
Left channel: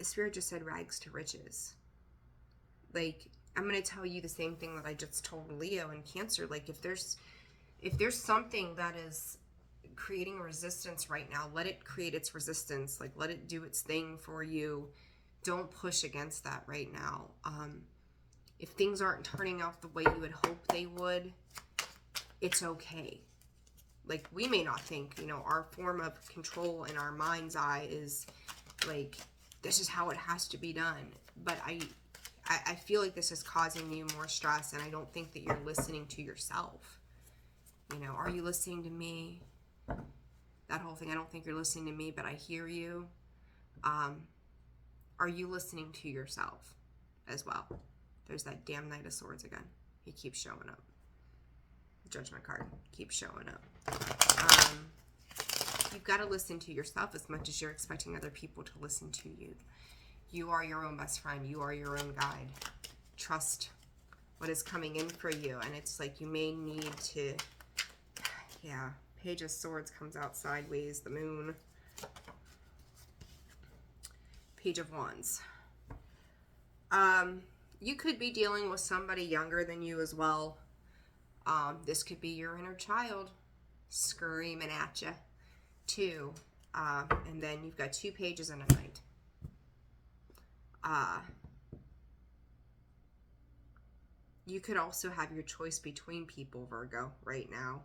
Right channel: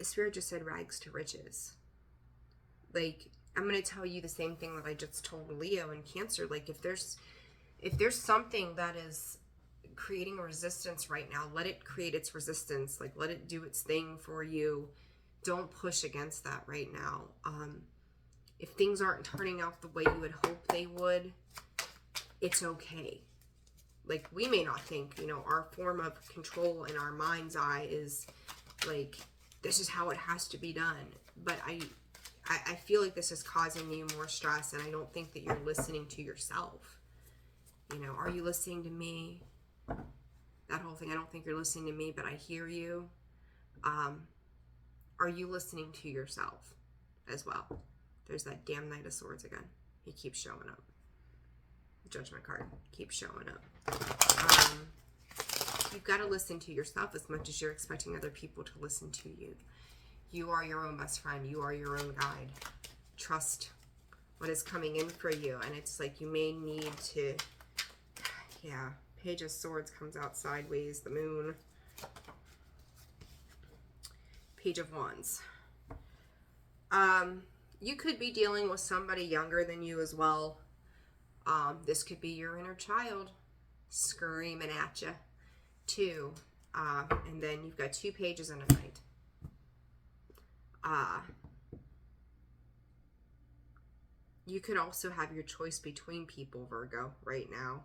Spirit just said rags to riches. Like, I'm going to tell you the same thing that I just told Leo and Cancer. Like, if there's something that is creating resistance right now, let it create its resistance. Like, let it do its thing for you. Don't push against that right now. If things aren't turning out the way you would hope they would, it's okay. Like, we may not think, you know, our form of control in our mind's eye is like, this is how it has to be done. But I feel like this is causing you more stress, and I don't think that you're listening to yourself. You know, are you listening to me? That whole thing, I don't think you're listening to me, but I hear you. Are you listening to yourself as well? There's that damn Knight of Swords again. He keeps showing up. Judgment card keeps showing up. You've got to listen to yourself as much as you're expecting other people to listen to you. You are your own best friend. You are your own guide. Trust what is coming in for you. And it's like you may need to, yeah, Page of Swords comes out sideways, the moon. Page of Wands. You could be dealing with somebody younger than you as well. This could be your inner child screaming at you too. And then you've got 2 pages and a knight. You could also have your choice between people, Virgo, right now.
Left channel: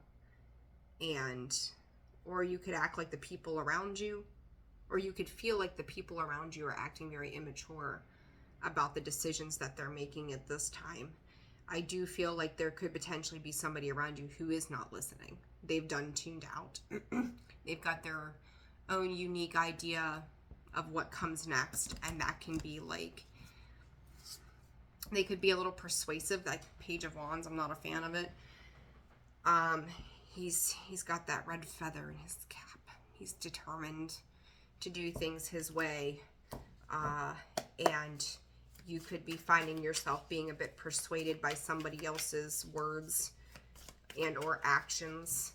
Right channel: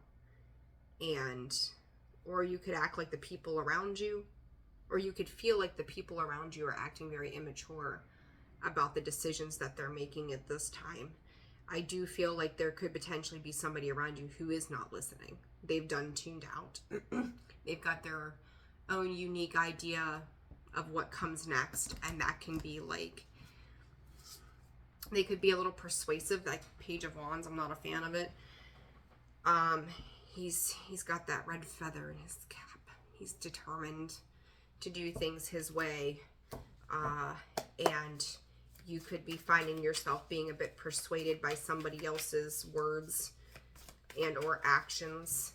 Or you could act like the people around you, or you could feel like the people around you are acting very immature about the decisions that they're making at this time. I do feel like there could potentially be somebody around you who is not listening. They've done tuned out. They've got their own unique idea of what comes next, and that can be like, they could be a little persuasive, like Page of Wands. I'm not a fan of it. He's got that red feather in his cap. He's determined to do things his way, and you could be finding yourself being a bit persuaded by somebody else's words and or actions.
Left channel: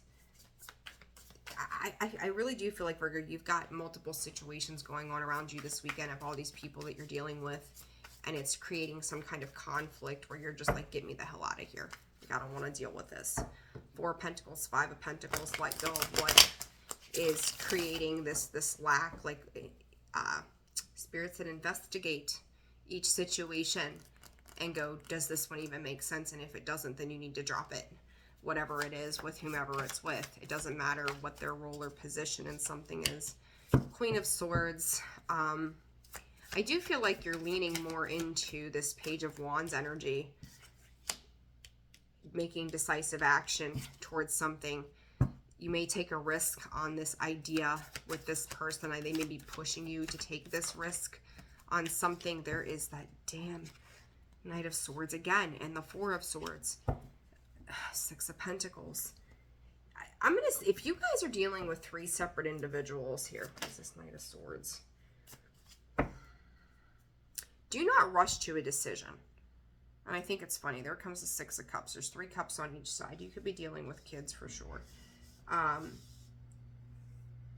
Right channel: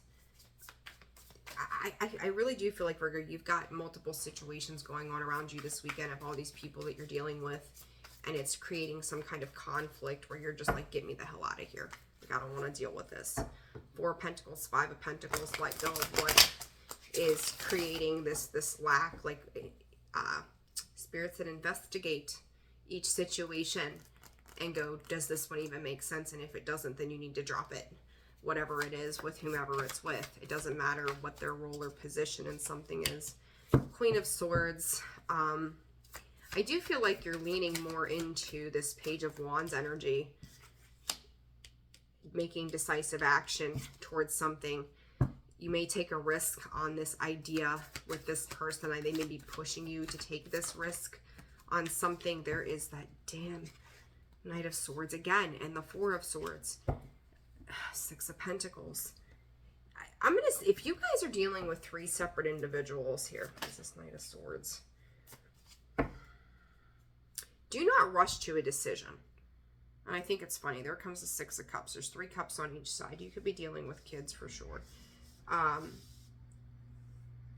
I really do feel like, Virgo, you've got multiple situations going on around you this weekend of all these people that you're dealing with, and it's creating some kind of conflict where you're just like, get me the hell out of here. Like, I don't want to deal with this. 4 of Pentacles, 5 of Pentacles, let go of what is creating this lack. Like, spirits that investigate each situation and go, does this one even make sense? And if it doesn't, then you need to drop it. Whatever it is, with whomever it's with. It doesn't matter what their role or position in something is. Queen of Swords. I do feel like you're leaning more into this Page of Wands energy, making decisive action towards something. You may take a risk on this idea with this person. They may be pushing you to take this risk on something. There is that damn Knight of Swords again, and the 4 of Swords. 6 of Pentacles. I'm gonna, if you guys are dealing with 3 separate individuals here, what is this Knight of Swords? Do not rush to a decision. And I think it's funny. There comes the 6 of Cups. There's 3 cups on each side. You could be dealing with kids for sure.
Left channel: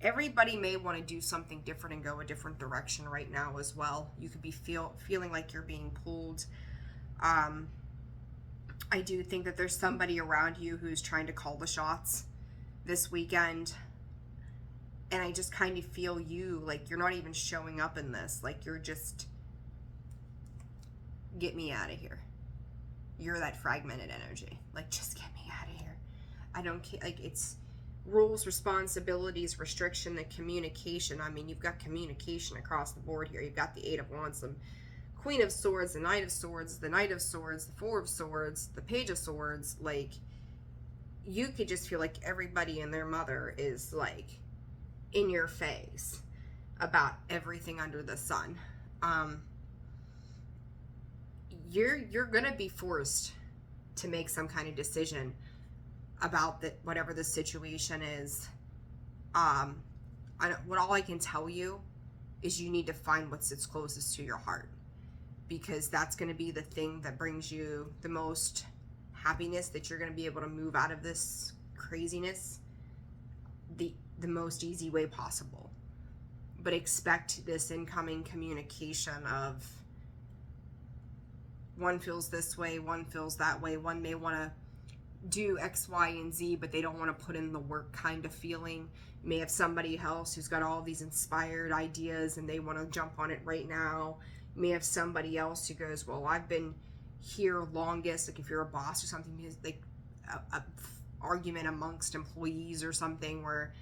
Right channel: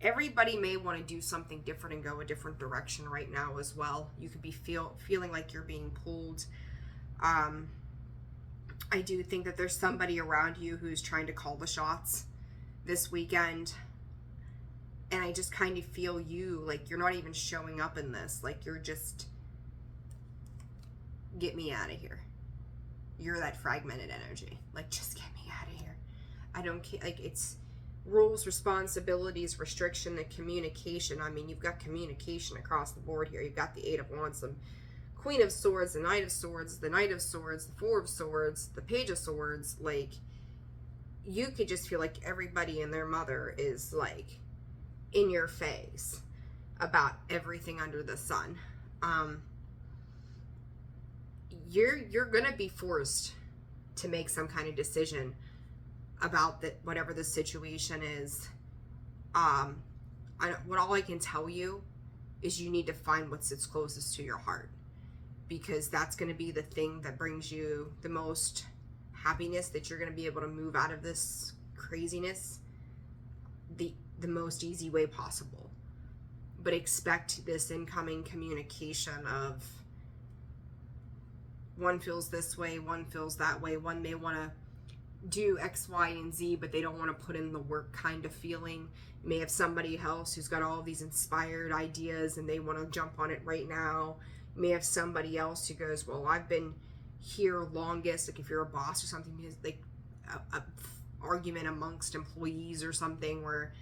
Everybody may want to do something different and go a different direction right now as well. You could be feeling like you're being pulled. I do think that there's somebody around you who's trying to call the shots this weekend. And I just kind of feel you, like you're not even showing up in this. Like you're just, get me out of here. You're that fragmented energy. Like, just get me out of here. I don't care. Like, it's rules, responsibilities, restriction, and communication. I mean, you've got communication across the board here. You've got the 8 of Wands, the Queen of Swords, the Knight of Swords, the Knight of Swords, the 4 of Swords, the Page of Swords. Like, you could just feel like everybody and their mother is, like, in your face about everything under the sun. You're gonna be forced to make some kind of decision about that, whatever the situation is. All I can tell you is you need to find what sits closest to your heart, because that's going to be the thing that brings you the most happiness, that you're going to be able to move out of this craziness the most easy way possible. But expect this incoming communication of, one feels this way, one feels that way, one may want to do X, Y, and Z, but they don't want to put in the work kind of feeling. You may have somebody else who's got all these inspired ideas and they want to jump on it right now. You may have somebody else who goes, well, I've been here longest. Like if you're a boss or something, like a argument amongst employees or something where,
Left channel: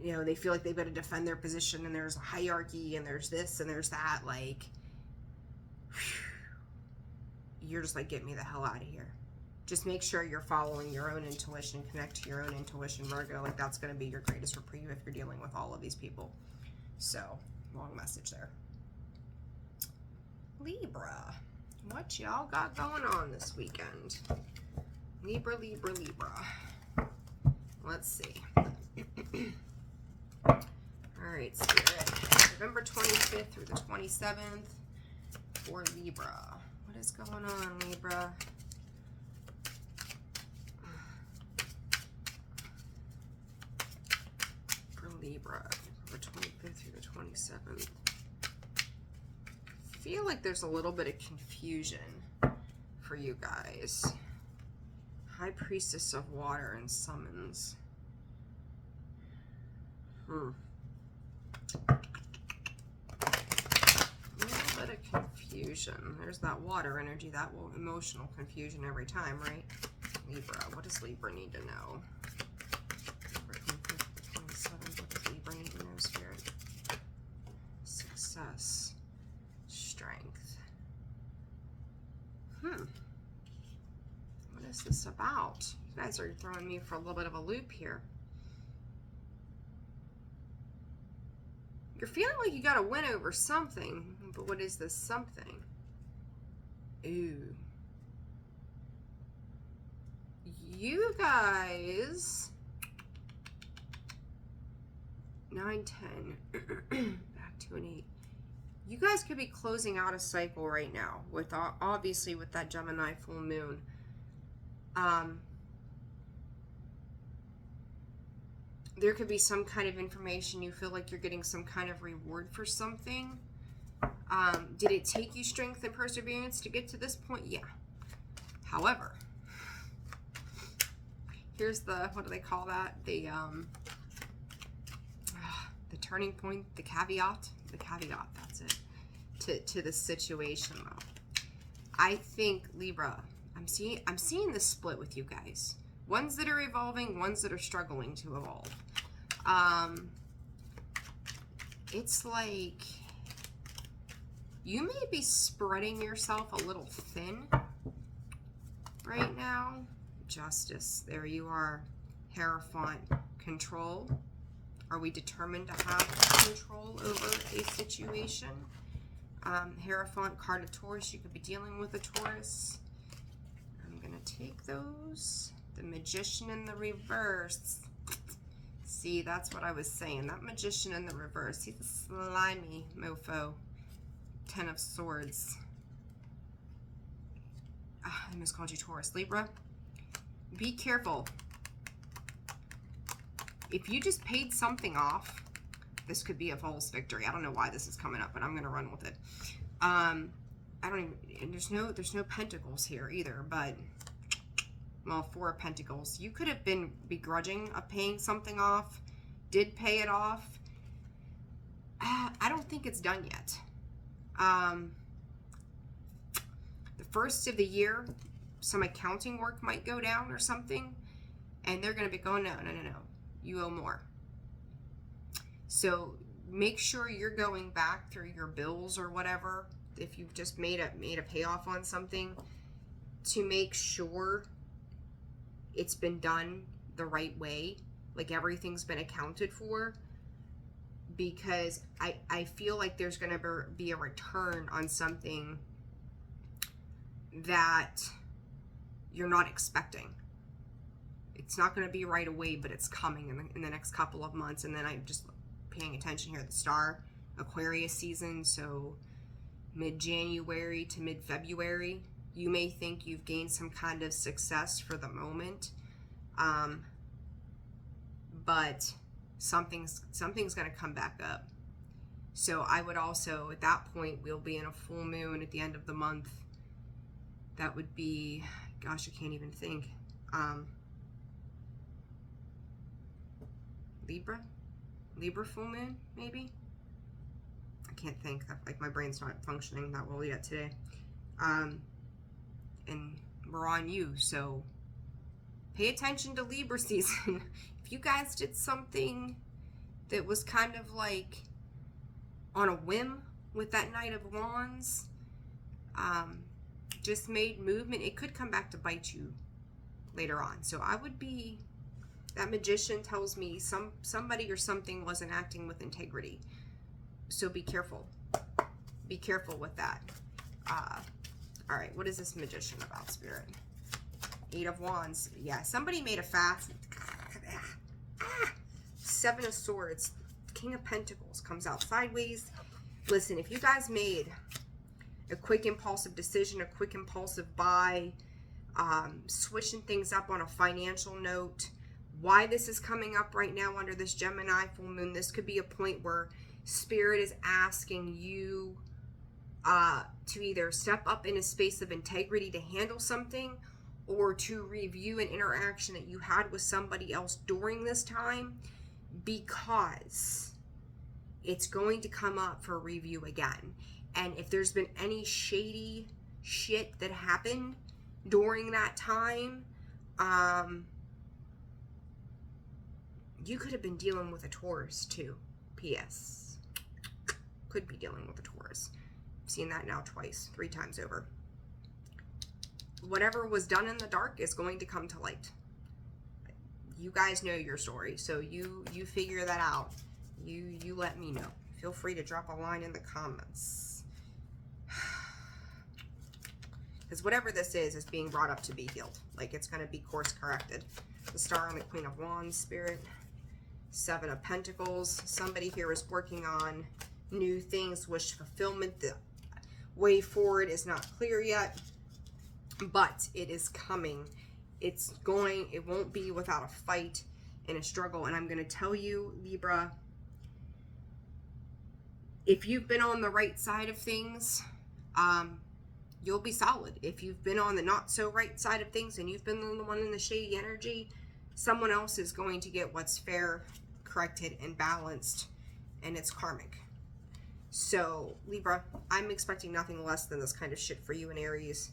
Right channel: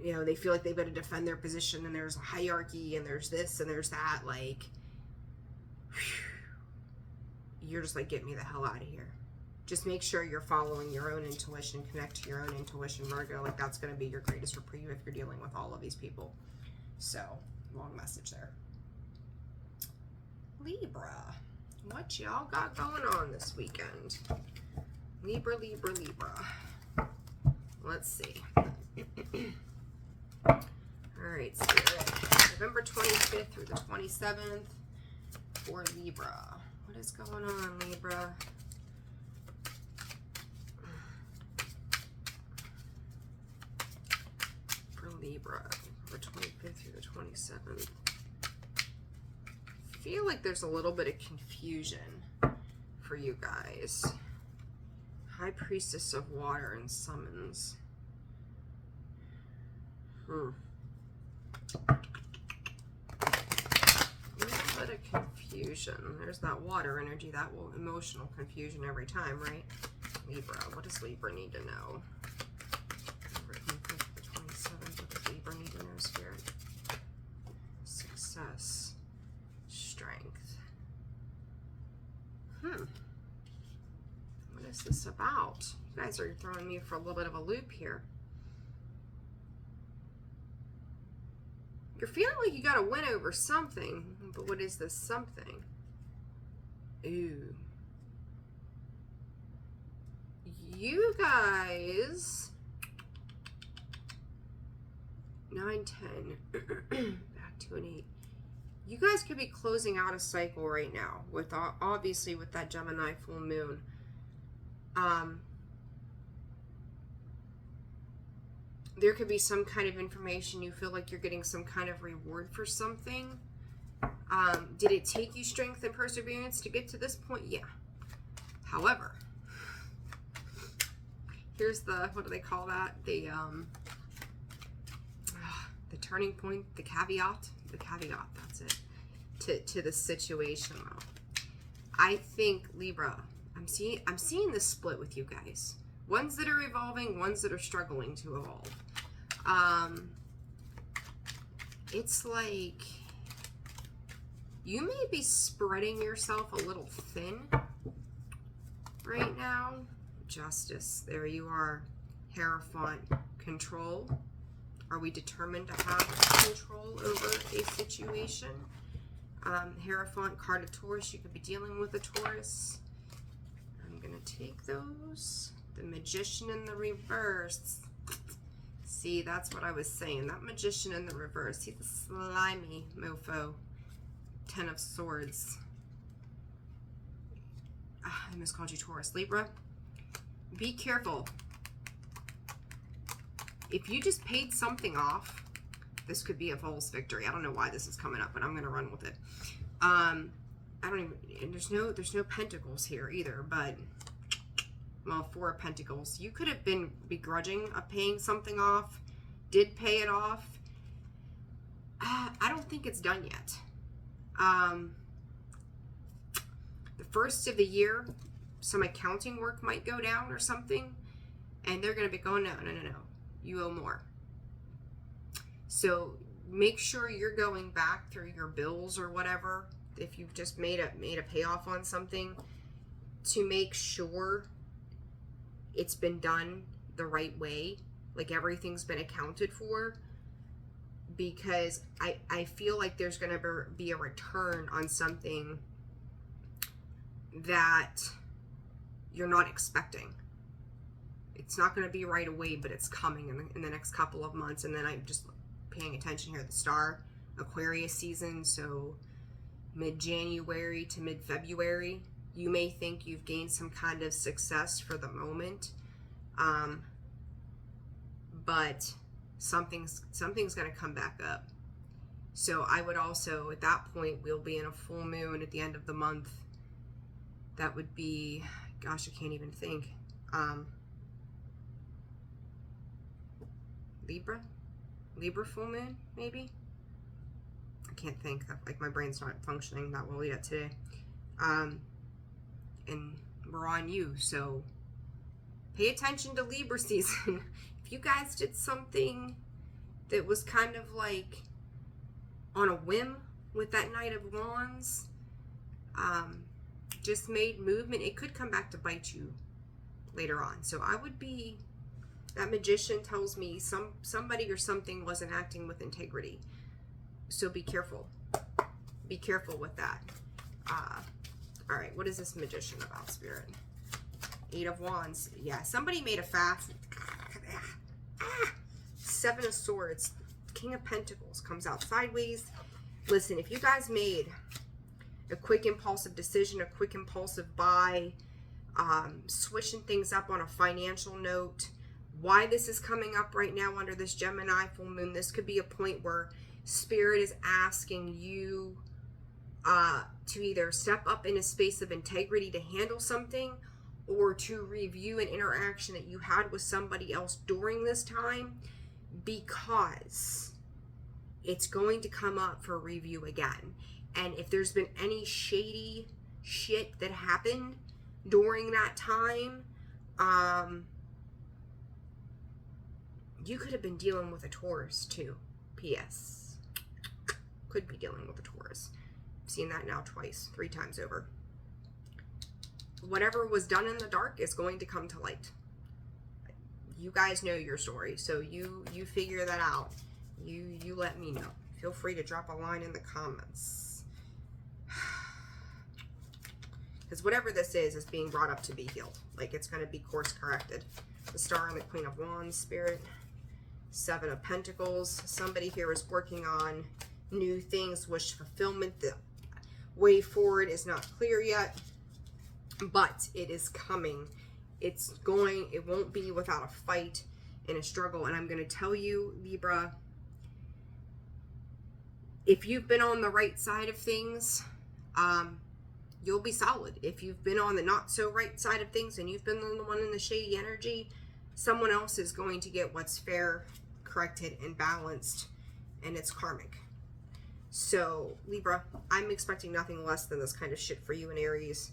you know, they feel like they've got to defend their position and there's a hierarchy and there's this and there's that. Like, whew, you're just like, get me the hell out of here. Just make sure you're following your own intuition, connect to your own intuition, Virgo. Like that's going to be your greatest reprieve if you're dealing with all of these people. So, long message there. Libra, what y'all got going on this weekend? Libra, Libra, Libra. Let's see. All right, Spirit. November 25th through the 27th for Libra. What is going on, Libra? Libra, the 25th through the 27th. I feel like there's a little bit of confusion for you guys. High Priestess of Water and Summons. A little bit of confusion. There's that water energy, that will emotional confusion every time, right? Libra, what does Libra need to know? Spirit. Success. Strength. is this about? You guys are throwing me for a little bit of a loop here. You're feeling like you got to win over something, but what is this something? Ooh. You guys, 9, 10, back to an 8. You guys could be closing out a cycle right now with, obviously, with that Gemini full moon. There could be some kind of information. You feel like you're getting some kind of reward for something. Did it take you strength and perseverance to get to this point? Yeah. However, here's the, what do they call that? The turning point, the caveat, that's it, to the situation though. I think, Libra, I'm seeing this split with you guys. Ones that are evolving, ones that are struggling to evolve. It's like you may be spreading yourself a little thin right now. Justice, there you are. Hierophant, control. Are we determined to have control over a situation? Hierophant, card of Taurus. You could be dealing with a Taurus. I'm going to take those. The Magician in the reverse. See, that's what I was saying. That Magician in the reverse. He's a slimy mofo. 10 of Swords. I miscalled you Taurus. Libra, be careful. If you just paid something off, this could be a false victory. I don't know why this is coming up, but I'm going to run with it. I don't even, there's no pentacles here either, but, well, 4 of Pentacles. You could have been begrudging of paying something off, did pay it off. I don't think it's done yet. The first of the year, some accounting work might go down or something, and they're going to be going, no, you owe more. So make sure you're going back through your bills or whatever, if you've just made a payoff on something, to make sure it's been done the right way, like everything's been accounted for, because I feel like there's going to be a return on something that you're not expecting. It's not going to be right away, but it's coming in the next couple of months. And then I'm just paying attention here at the star, Aquarius season, so mid-January to mid-February, you may think you've gained some kind of success for the moment, but something's going to come back up. So I would also, at that point, we'll be in a full moon at the end of the month. That would be, gosh, I can't even think. Libra full moon, maybe? I can't think. Like, my brain's not functioning that well yet today. And we're on you, so pay attention to Libra season. If you guys did something that was kind of like on a whim with that Knight of Wands, just made movement, it could come back to bite you later on. So I would be, that Magician tells me somebody or something wasn't acting with integrity. So be careful. Be careful with that. All right, what is this Magician about, Spirit? 8 of Wands. Yeah, somebody made a fast. 7 of Swords. King of Pentacles comes out sideways. Listen, if you guys made a quick impulsive decision, a quick impulsive buy, switching things up on a financial note, why this is coming up right now under this Gemini full moon, this could be a point where Spirit is asking you to either step up in a space of integrity to handle something, or to review an interaction that you had with somebody else during this time, because it's going to come up for review again. And if there's been any shady shit that happened during that time, you could have been dealing with a Taurus too. P.S. Could be dealing with a Taurus. I've seen that now twice, 3 times over. whatever was done in the dark is going to come to light. You guys know your story, so you figure that out. You let me know. Feel free to drop a line in the comments. Because whatever this is being brought up to be healed. Like, it's going to be course corrected. The Star and the Queen of Wands, Spirit. Seven of Pentacles. Somebody here is working on new things, wish fulfillment. The way forward is not clear yet, but it is coming. It won't be without a fight and a struggle. And I'm going to tell you, Libra, if you've been on the right side of things, you'll be solid. If you've been on the not so right side of things and you've been the one in the shady energy, someone else is going to get what's fair, corrected, and balanced, and it's karmic. So, Libra, I'm expecting nothing less than this kind of shit for you in Aries,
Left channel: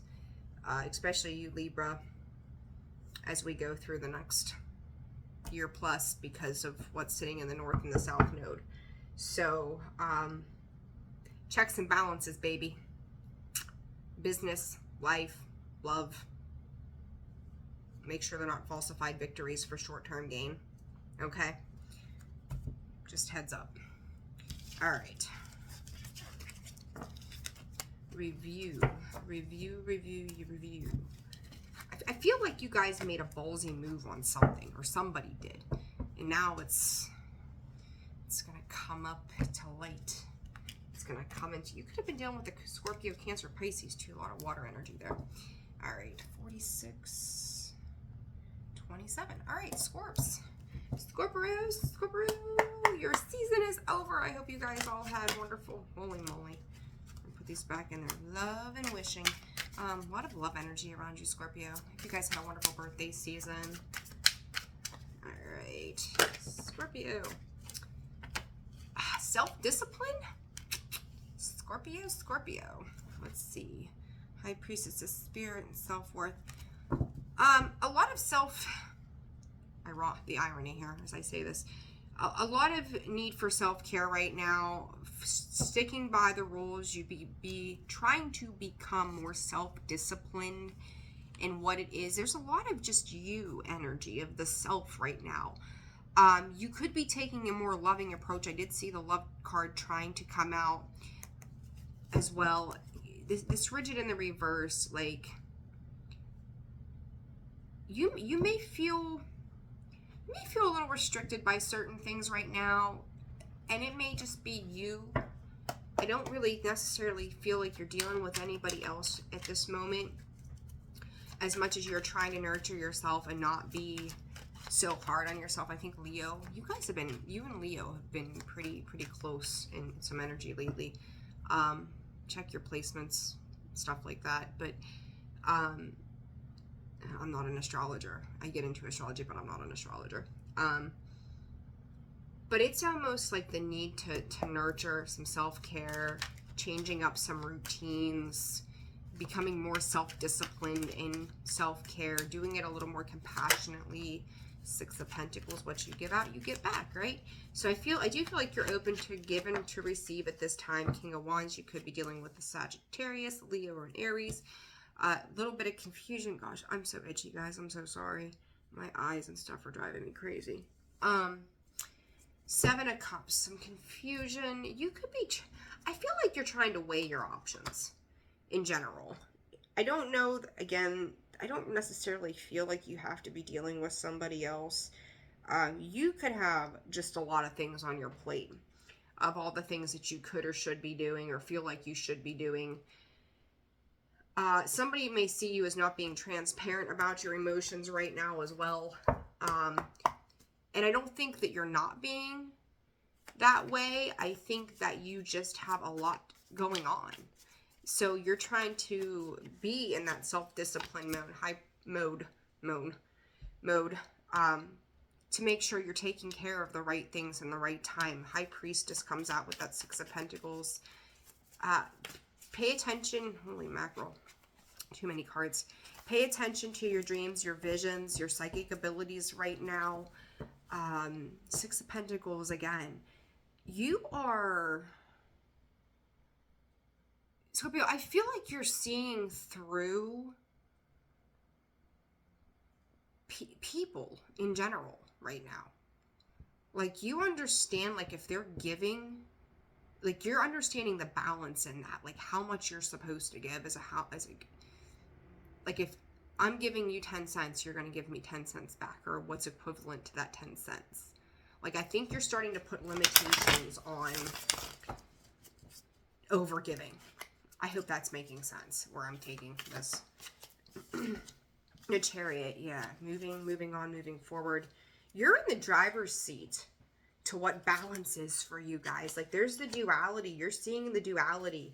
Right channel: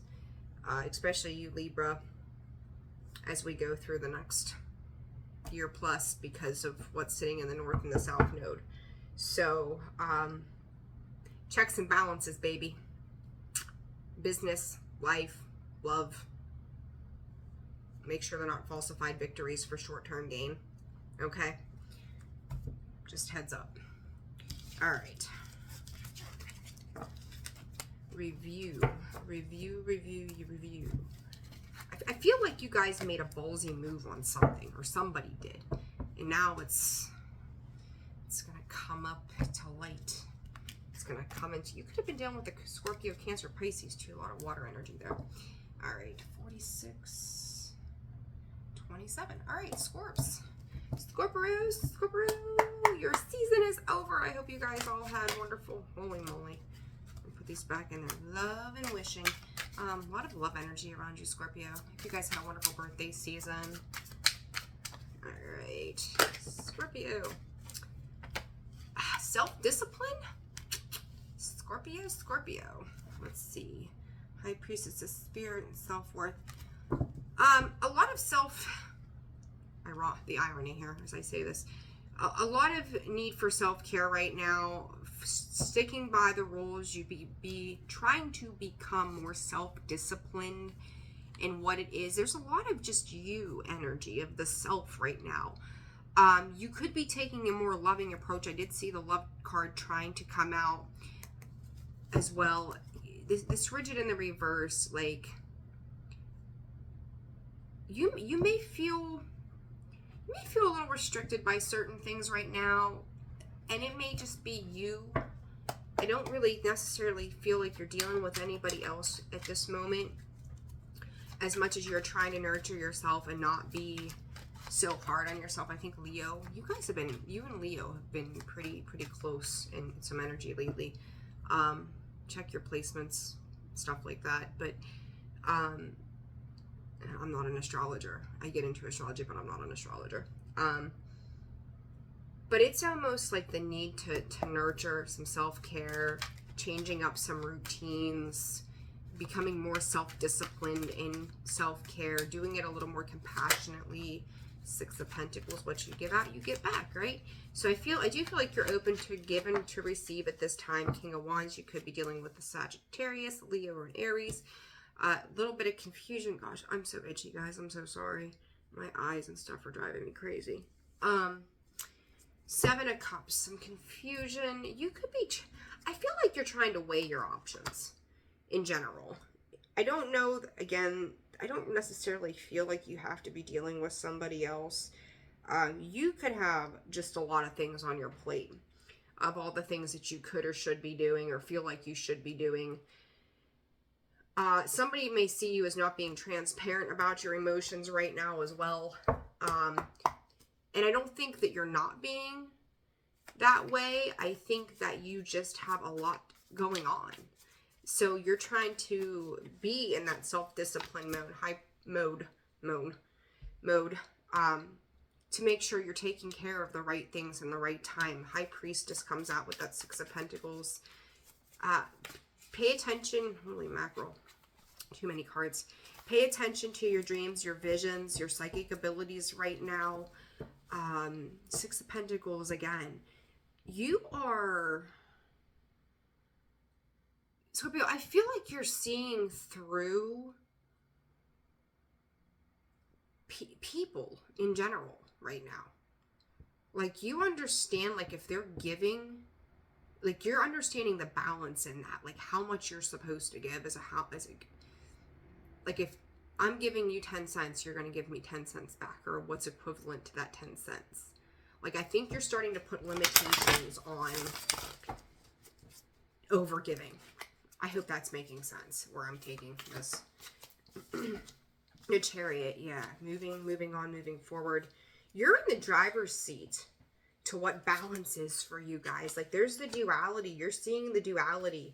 especially you, Libra, as we go through the next year plus because of what's sitting in the North and the South node. So, checks and balances, baby. Business, life, love. Make sure they're not falsified victories for short-term gain. Okay? Just heads up. All right. Review. I feel like you guys made a ballsy move on something, or somebody did. And now it's going to come up to light. It's going to come into, you could have been dealing with the Scorpio, Cancer, Pisces too. A lot of water energy there. All right, 46, 27. All right, Scorps. Scorpios, your season is over. I hope you guys all had wonderful, holy moly. I'll put these back in there. Love and wishing. A lot of love energy around you, Scorpio. I hope you guys had a wonderful birthday season. All right, Scorpio. Self-discipline? Scorpio. Let's see. High Priestess of Spirit and self-worth. A lot of the irony here as I say this. A lot of need for self-care right now. Sticking by the rules. You be trying to become more self-disciplined in what it is. There's a lot of just you energy of the self right now. You could be taking a more loving approach. I did see the love card trying to come out as well. This rigid in the reverse, like you may feel a little restricted by certain things right now, and it may just be you. I don't really necessarily feel like you're dealing with anybody else at this moment, as much as you're trying to nurture yourself and not be so hard on yourself. I think Leo, you and Leo have been pretty close in some energy lately. Check your placements, stuff like that. But I'm not an astrologer. I get into astrology, but I'm not an astrologer. But it's almost like the need to nurture some self-care, changing up some routines, becoming more self-disciplined in self-care, doing it a little more compassionately. Six of Pentacles, what you give out, you get back, right? So I do feel like you're open to give and to receive at this time. King of Wands, you could be dealing with the Sagittarius, Leo, or an Aries. A little bit of confusion. Gosh, I'm so itchy, guys. I'm so sorry. My eyes and stuff are driving me crazy. Seven of Cups, some confusion. You could be, I feel like you're trying to weigh your options in general. I don't know, again, I don't necessarily feel like you have to be dealing with somebody else. You could have just a lot of things on your plate of all the things that you could or should be doing or feel like you should be doing. Somebody may see you as not being transparent about your emotions right now as well. And I don't think that you're not being that way. I think that you just have a lot going on. So you're trying to be in that self-discipline mode, to make sure you're taking care of the right things in the right time. High Priestess comes out with that Six of Pentacles. Pay attention. Holy mackerel. Too many cards. Pay attention to your dreams, your visions, your psychic abilities right now. Six of Pentacles again. You are... Scorpio, I feel like you're seeing through people in general right now. Like, you understand, like, if they're giving, like, you're understanding the balance in that, like, how much you're supposed to give like, if I'm giving you 10 cents, you're going to give me 10 cents back, or what's equivalent to that 10 cents. Like, I think you're starting to put limitations on over giving. I hope that's making sense where I'm taking this. The Chariot, yeah, moving on, moving forward. You're in the driver's seat to what balance is for you guys. Like, there's the duality. You're seeing the duality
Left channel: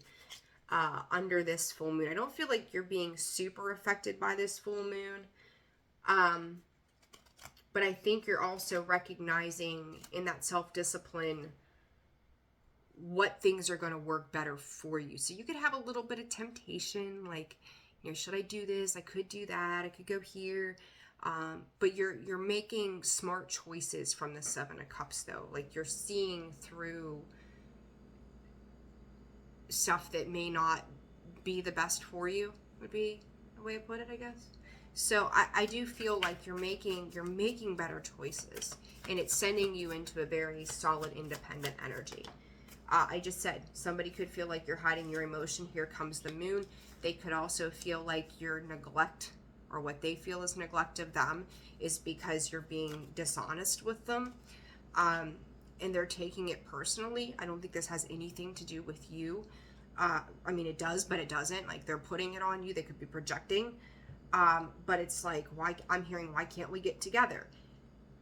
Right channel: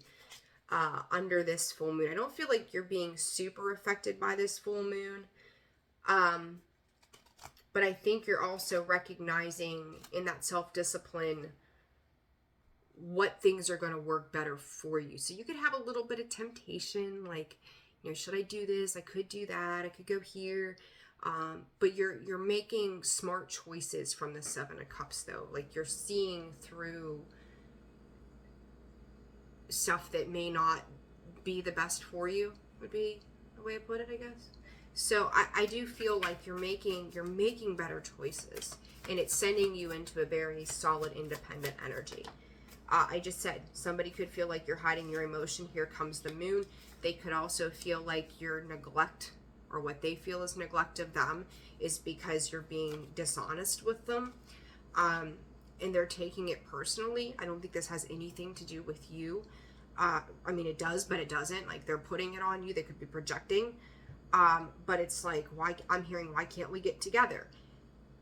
under this full moon. I don't feel like you're being super affected by this full moon. But I think you're also recognizing in that self-discipline what things are going to work better for you. So you could have a little bit of temptation, like, you know, should I do this? I could do that. I could go here. But you're making smart choices from the Seven of Cups, though. Like, you're seeing through stuff that may not be the best for you, would be the way to put it, I guess. So I do feel like you're making better choices, and it's sending you into a very solid, independent energy. I just said somebody could feel like you're hiding your emotion. Here comes the moon. They could also feel like your neglect, or what they feel is neglect of them, is because you're being dishonest with them. And they're taking it personally. I don't think this has anything to do with you. I mean, it does, but it doesn't. Like, they're putting it on you. They could be projecting. But it's like, why can't we get together?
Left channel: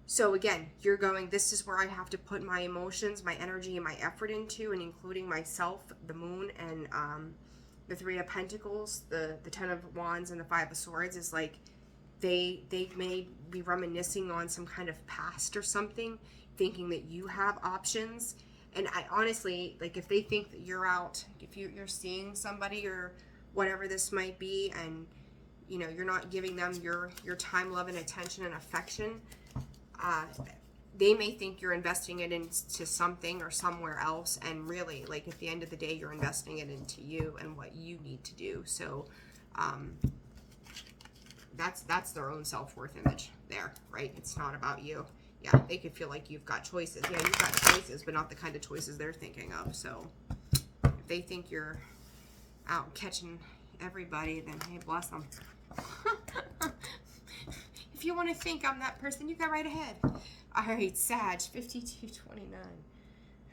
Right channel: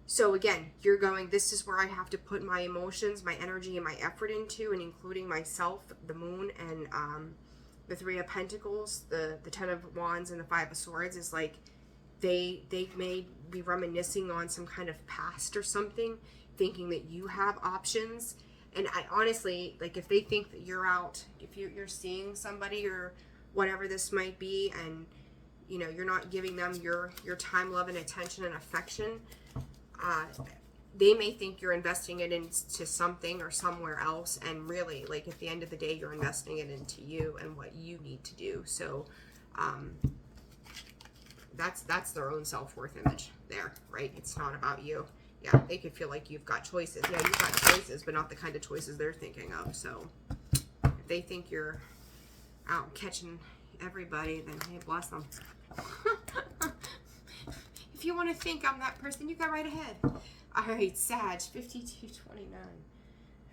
So again, you're going, this is where I have to put my emotions, my energy, and my effort into, and including myself, the moon, and the Three of Pentacles, the Ten of Wands, and the Five of Swords. Is like, they may be reminiscing on some kind of past or something, thinking that you have options. And I honestly, like, if they think that you're out, if you're seeing somebody or whatever this might be, and you know, you're not giving them your time, love, and attention and affection, they may think you're investing it into something or somewhere else, and really, like, at the end of the day, you're investing it into you and what you need to do. So that's their own self-worth image there, right? It's not about you. Yeah, they could feel like you've got choices. Yeah, you've got choices, but not the kind of choices they're thinking of. So if they think you're out catching everybody, then hey, bless them. If you want to think I'm that person, you go right ahead. All right, Sag, 5229.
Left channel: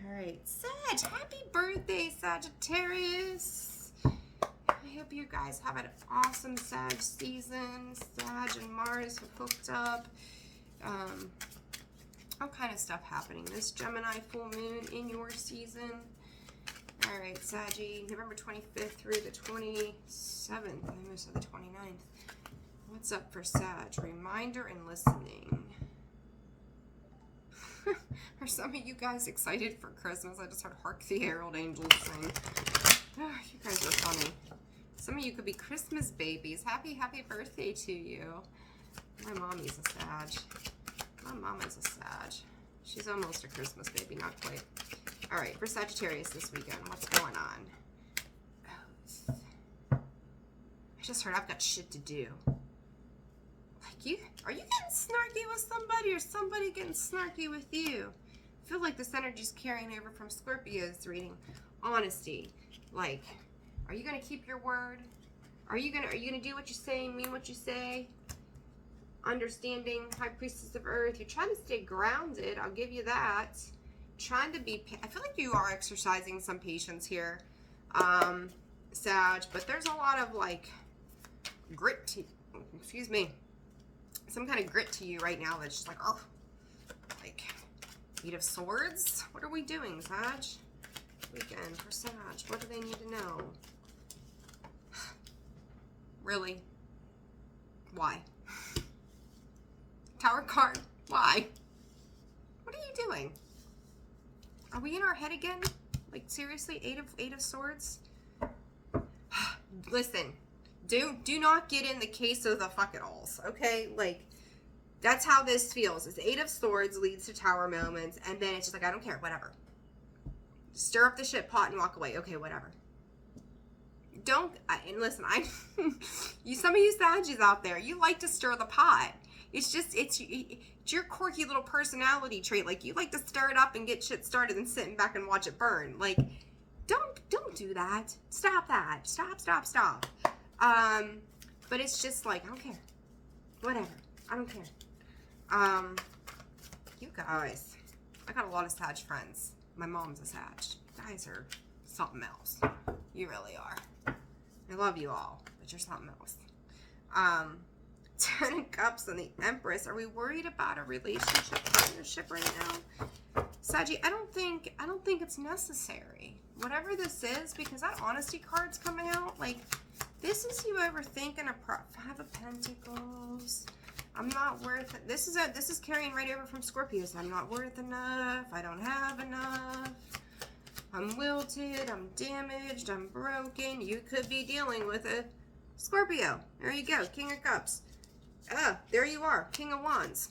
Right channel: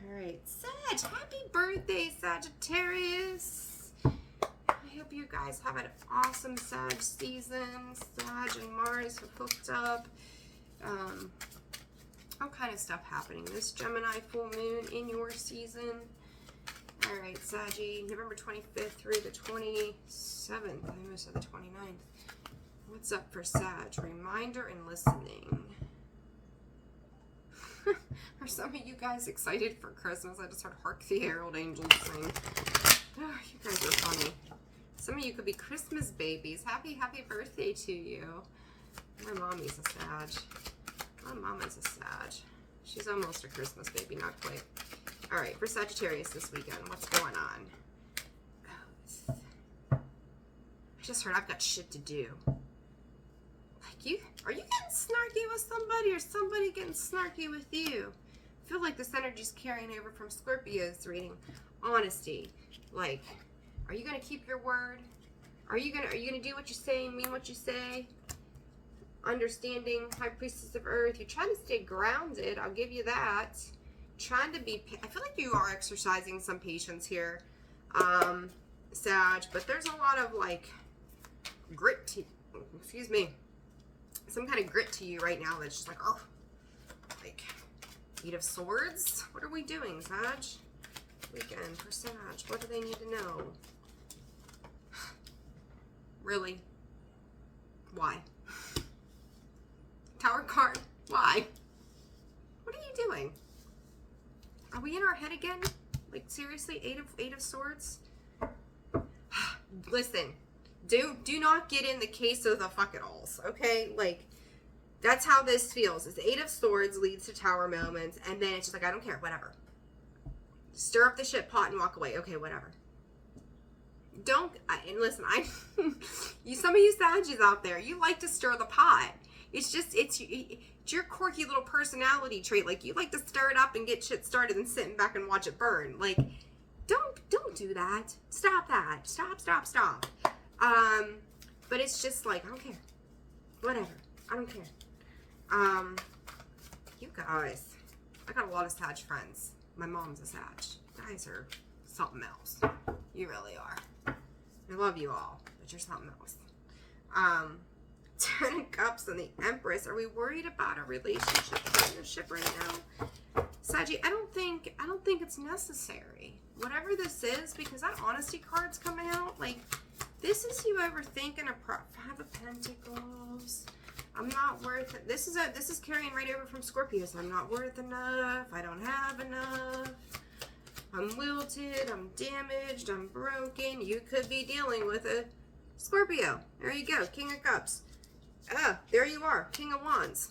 All right, Sag, happy birthday, Sagittarius. I hope you guys have an awesome Sag season. Sag and Mars have hooked up. All kind of stuff happening. This Gemini full moon in your season. All right, Saggy, November 25th through the 27th. I almost said the 29th. What's up for Sag? Reminder and listening. Are some of you guys excited for Christmas? I just heard Hark the Herald Angels sing. Oh, you guys are funny. Some of you could be Christmas babies. Happy birthday to you. My mommy's a Sag. My mama's a Sag. She's almost a Christmas baby, not quite. All right, for Sagittarius this weekend, what's going on? I just heard I've got shit to do. Are you getting snarky with somebody, or somebody getting snarky with you? I feel like this energy's carrying over from Scorpio's reading. Honesty. Like, are you gonna keep your word? Are you gonna do what you say, mean what you say? Understanding, High Priestess of Earth. You're trying to stay grounded. I'll give you that. Trying to be. I feel like you are exercising some patience here, Sag. But there's a lot of like grit to. Excuse me. Some kind of grit to you right now that's just like, oh, like, Eight of Swords? What are we doing, Sag? Weekend for Sag. What do they need to know? Really? Why? Tower card? Why? What are you doing? Are we in our head again? Like, seriously? Eight of Swords? Listen. Do not get in the case of the fuck-it-alls, okay? Like, that's how this feels. It's Eight of Swords leads to Tower moments, and then it's just like, I don't care, whatever. Stir up the shit pot and walk away. Okay, whatever. And listen, some of you Sagittarius out there, you like to stir the pot. it's your quirky little personality trait. Like, you like to stir it up and get shit started and sitting back and watch it burn. Like, don't do that. Stop that. Stop. But it's just like, I don't care. Whatever. I don't care. You guys, I got a lot of Sag friends. My mom's a Sag. You guys are something else. You really are. I love you all, but you're something else. Ten of Cups and the Empress. Are we worried about a relationship, partnership right now? Saggy, I don't think it's necessary. Whatever this is, because that honesty card's coming out, like, this is you overthinking a Five of Pentacles. I'm not worth it. This is carrying right over from Scorpio. So I'm not worth enough. I don't have enough. I'm wilted. I'm damaged. I'm broken. You could be dealing with a Scorpio. There you go. King of Cups. There you are. King of Wands.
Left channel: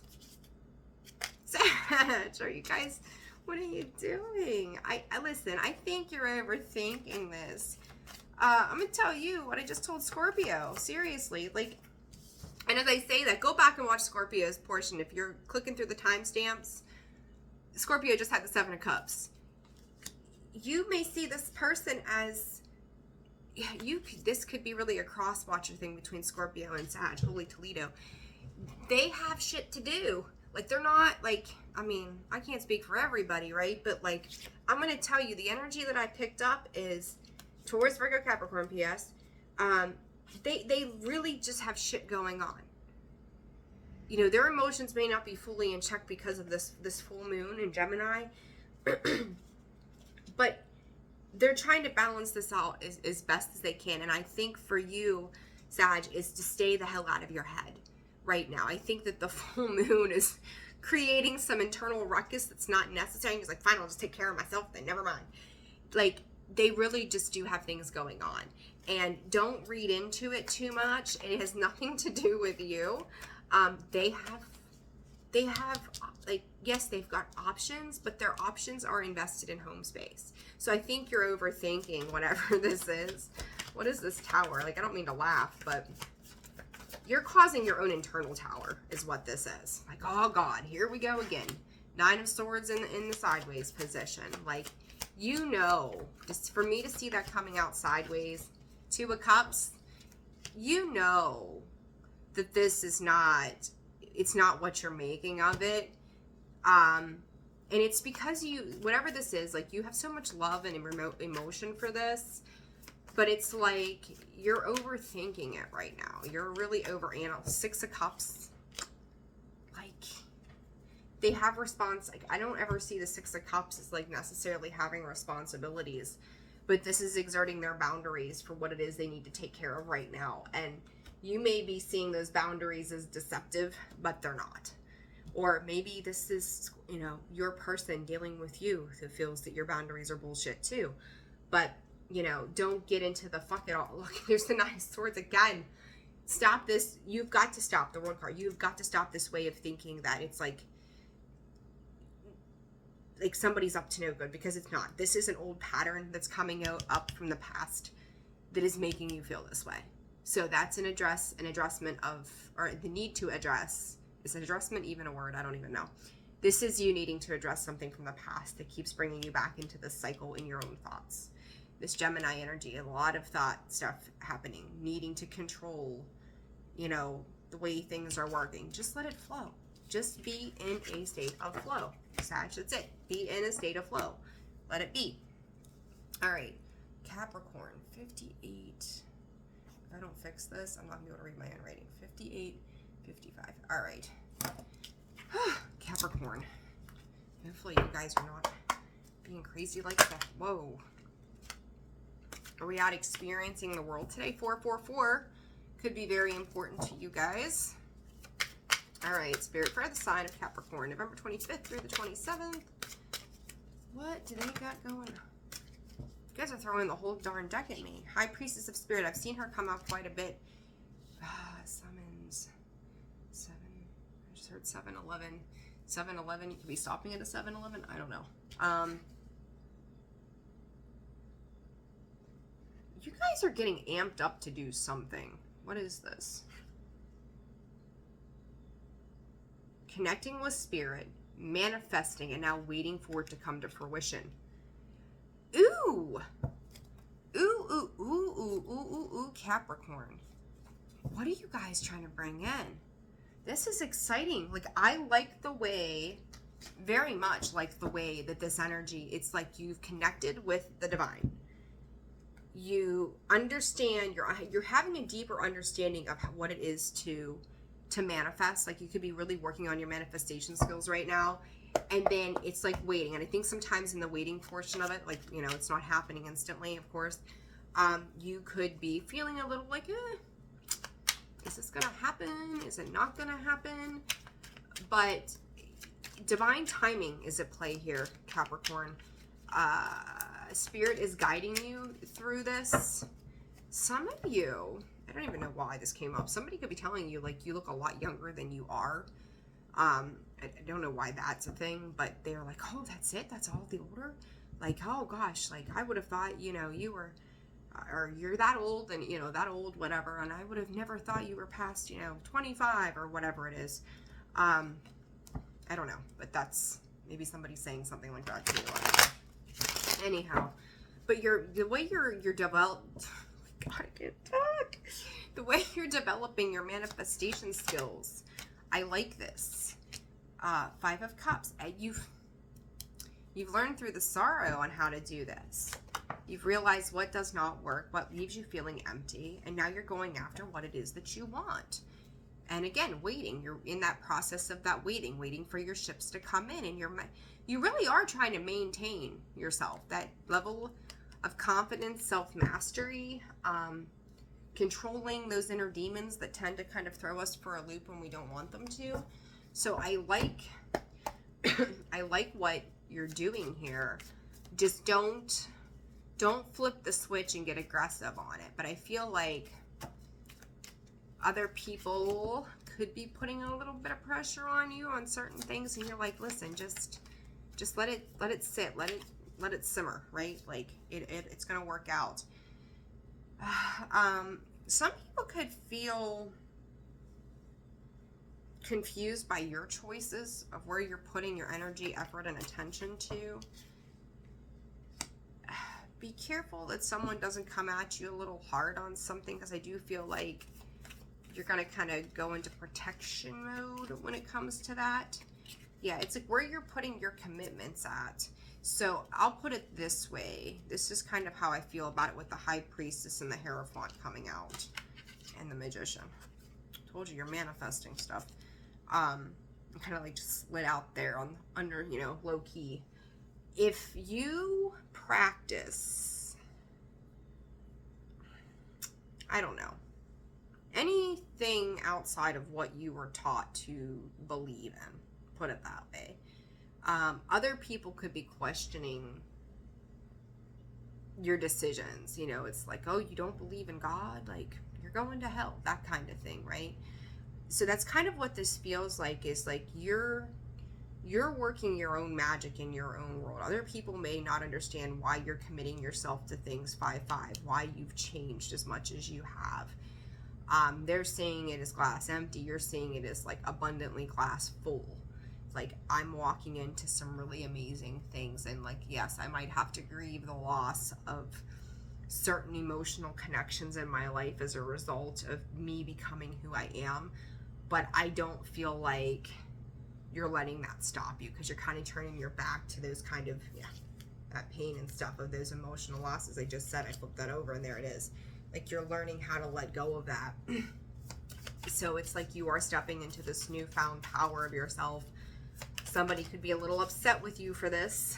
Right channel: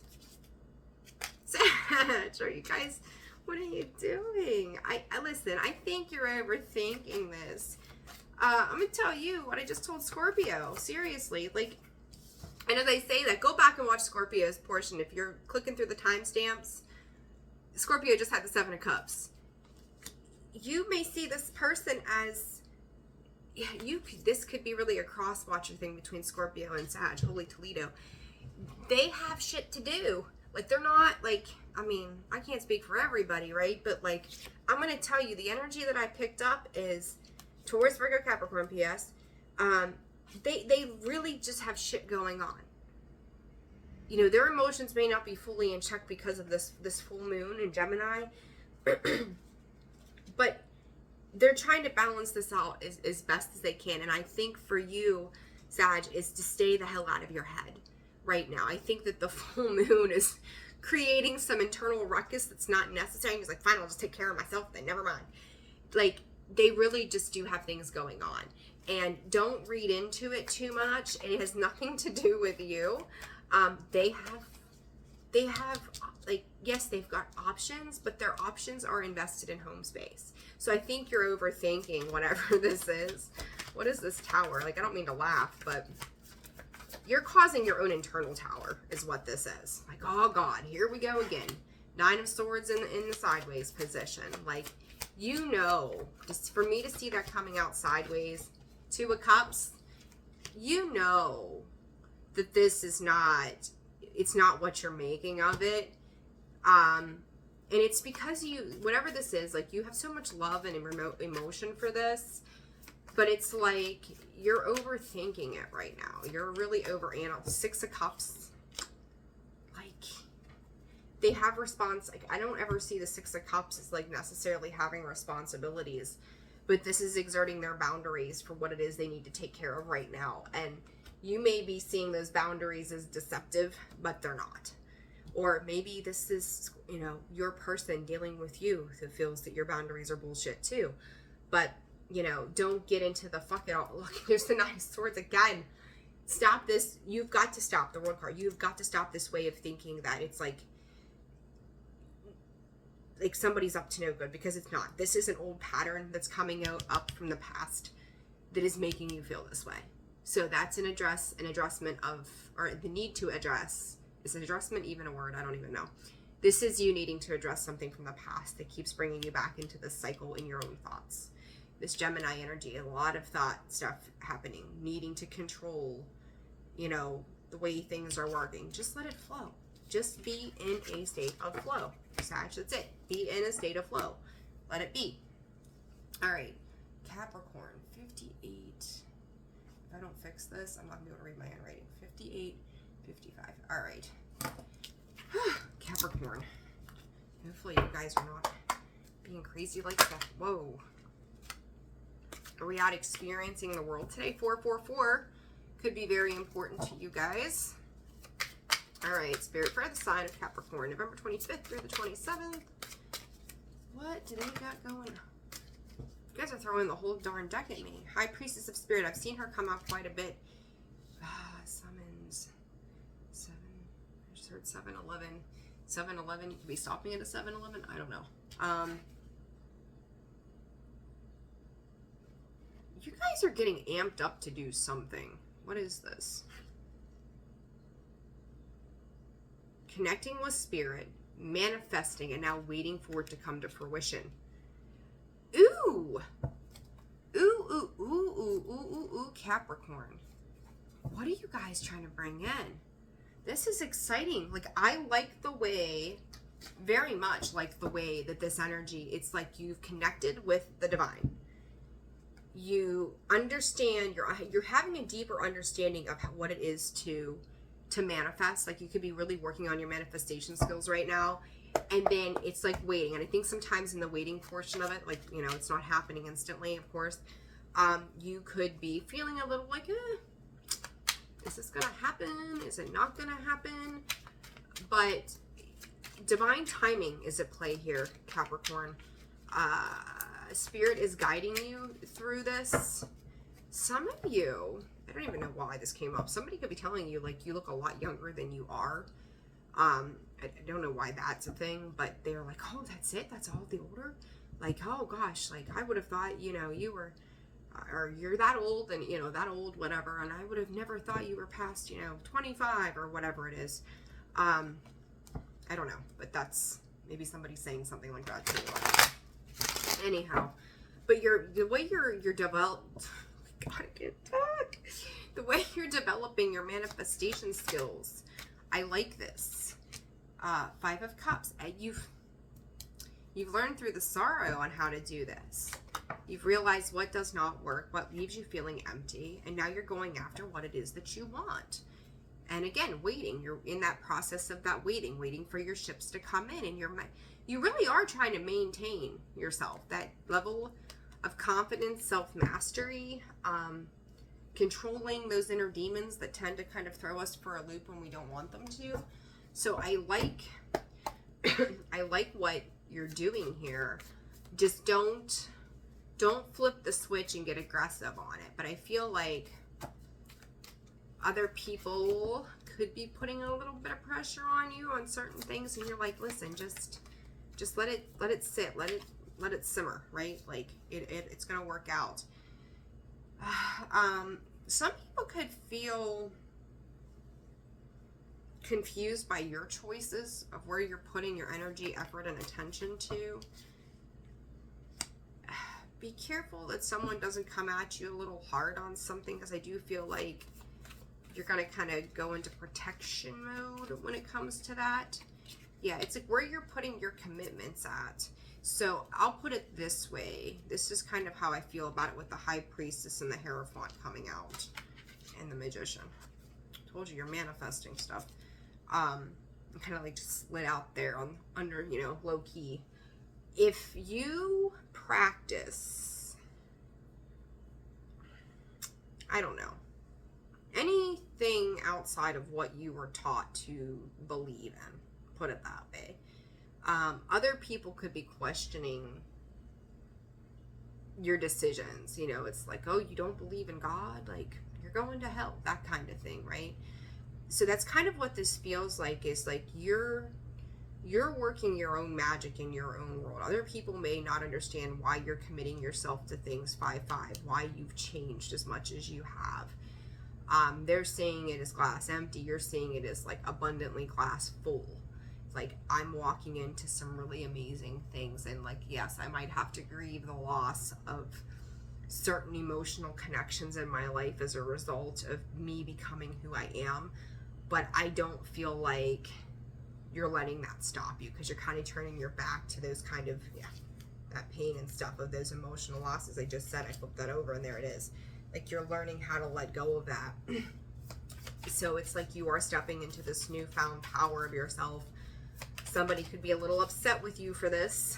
Sag, are you guys, what are you doing? I listen, I think you're overthinking this. I'm going to tell you what I just told Scorpio. Seriously. Like, I know they say that. Go back and watch Scorpio's portion. If you're clicking through the timestamps, Scorpio just had the Seven of Cups. You may see this person as, this could be really a cross-watcher thing between Scorpio and Sag. Holy Toledo. They have shit to do. Like, they're not, like, I mean, I can't speak for everybody, right? But, like, I'm going to tell you, the energy that I picked up is Taurus, Virgo, Capricorn, PS. They really just have shit going on. You know, their emotions may not be fully in check because of this full moon in Gemini. But they're trying to balance this out as best as they can. And I think for you, Sag, is to stay the hell out of your head right now. I think that the full moon is creating some internal ruckus that's not necessary. He's like, fine, I'll just take care of myself then, never mind. Like, they really just do have things going on. And don't read into it too much. It has nothing to do with you. They have, like, yes, they've got options, but their options are invested in home space. So I think you're overthinking whatever this is. What is this tower? Like, I don't mean to laugh, but you're causing your own internal tower is what this is. Like, oh God, here we go again. Nine of Swords in the sideways position. Like, you know, just for me to see that coming out sideways, Two of Cups, you know that this is not, it's not what you're making of it. And it's because you, whatever this is, like, you have so much love and emotion for this, but it's like you're overthinking it right now. You're really overanalyzing. Six of Cups, like, they have like, I don't ever see the Six of Cups as, like, necessarily having responsibilities, but this is exerting their boundaries for what it is they need to take care of right now. And you may be seeing those boundaries as deceptive, but they're not. Or maybe this is, you know, your person dealing with you who feels that your boundaries are bullshit too. But, you know, don't get into the fuck it all. Look, there's the Nine of Swords again. Stop this. You've got to stop the World card. You've got to stop this way of thinking that it's like somebody's up to no good, because it's not. This is an old pattern that's coming up from the past that is making you feel this way. So that's an addressment of, or the need to address. Is an addressment even a word? I don't even know. This is you needing to address something from the past that keeps bringing you back into this cycle in your own thoughts. This Gemini energy, a lot of thought stuff happening, needing to control, you know, the way things are working. Just let it flow. Just be in a state of flow. Sag, that's it. Be in a state of flow. Let it be. All right. Capricorn, 58. If I don't fix this, I'm not going to be able to read my handwriting. 58, 55. All right. Capricorn. Hopefully you guys are not being crazy like that. Whoa. Are we out experiencing the world today? 444 could be very important to you guys. All right, Spirit for the sign of Capricorn, November 25th through the 27th. What do they got going on? You guys are throwing the whole darn deck at me. High Priestess of Spirit. I've seen her come out quite a bit. Summons. 7. I just heard 7-Eleven. 7-Eleven. You could be stopping at a 7-Eleven. I don't know. You guys are getting amped up to do something. What is this? connecting with spirit, manifesting, and now waiting for it to come to fruition. Ooh. Ooh, Capricorn. What are you guys trying to bring in? This is exciting. Like, I like the way, very much like the way that this energy, it's like you've connected with the divine. You understand, you're having a deeper understanding of what it is to manifest. Like, you could be really working on your manifestation skills right now, and then it's like waiting. And I think sometimes in the waiting portion of it, like, you know, it's not happening instantly, of course. You could be feeling a little like, is this gonna happen? Is it not gonna happen? But divine timing is at play here, Capricorn. Spirit is guiding you through this. Some of you, I don't even know why this came up. Somebody could be telling you, like, you look a lot younger than you are. I don't know why that's a thing, but they're like, oh, that's it? That's all the order? Like, oh gosh, like, I would have thought, you know, you were, or you're that old, and, you know, that old, whatever, and I would have never thought you were past, you know, 25 or whatever it is. I don't know, but that's, maybe somebody's saying something like that to you. Anyhow, but the way you're developed, God, I can't talk. The way you're developing your manifestation skills, I like this. 5 of Cups. You've learned through the sorrow on how to do this. You've realized what does not work, what leaves you feeling empty, and now you're going after what it is that you want. And again, waiting. You're in that process of that waiting for your ships to come in, and you really are trying to maintain yourself, that level of confidence, self-mastery, controlling those inner demons that tend to kind of throw us for a loop when we don't want them to. So I like I like what you're doing here. Just don't flip the switch and get aggressive on it. But I feel like other people could be putting a little bit of pressure on you on certain things, and you're like, listen, just let it sit, let it simmer, right? Like, it's gonna work out. Some people could feel confused by your choices of where you're putting your energy, effort, and attention to. Be careful that someone doesn't come at you a little hard on something, because I do feel like you're going to kind of go into protection mode when it comes to that. Yeah, it's like where you're putting your commitments at. So I'll put it this way. This is kind of how I feel about it with the High Priestess and the Hierophant coming out and the Magician. Told you, you're manifesting stuff. Kind of like just slid out there under, you know, low key. If you practice, I don't know, anything outside of what you were taught to believe in, put it that way, other people could be questioning your decisions. You know, it's like, oh, you don't believe in God? Like, you're going to hell, that kind of thing, right? So that's kind of what this feels like, is like you're working your own magic in your own world. Other people may not understand why you're committing yourself to things 5-5, why you've changed as much as you have. They're seeing it as glass empty. You're seeing it as like abundantly glass full. Like, I'm walking into some really amazing things, and like, yes, I might have to grieve the loss of certain emotional connections in my life as a result of me becoming who I am, but I don't feel like you're letting that stop you, because you're kind of turning your back to those kind of, that pain and stuff of those emotional losses. I just said, I flipped that over and there it is. Like, you're learning how to let go of that. So it's like you are stepping into this newfound power of yourself. Somebody could be a little upset with you for this,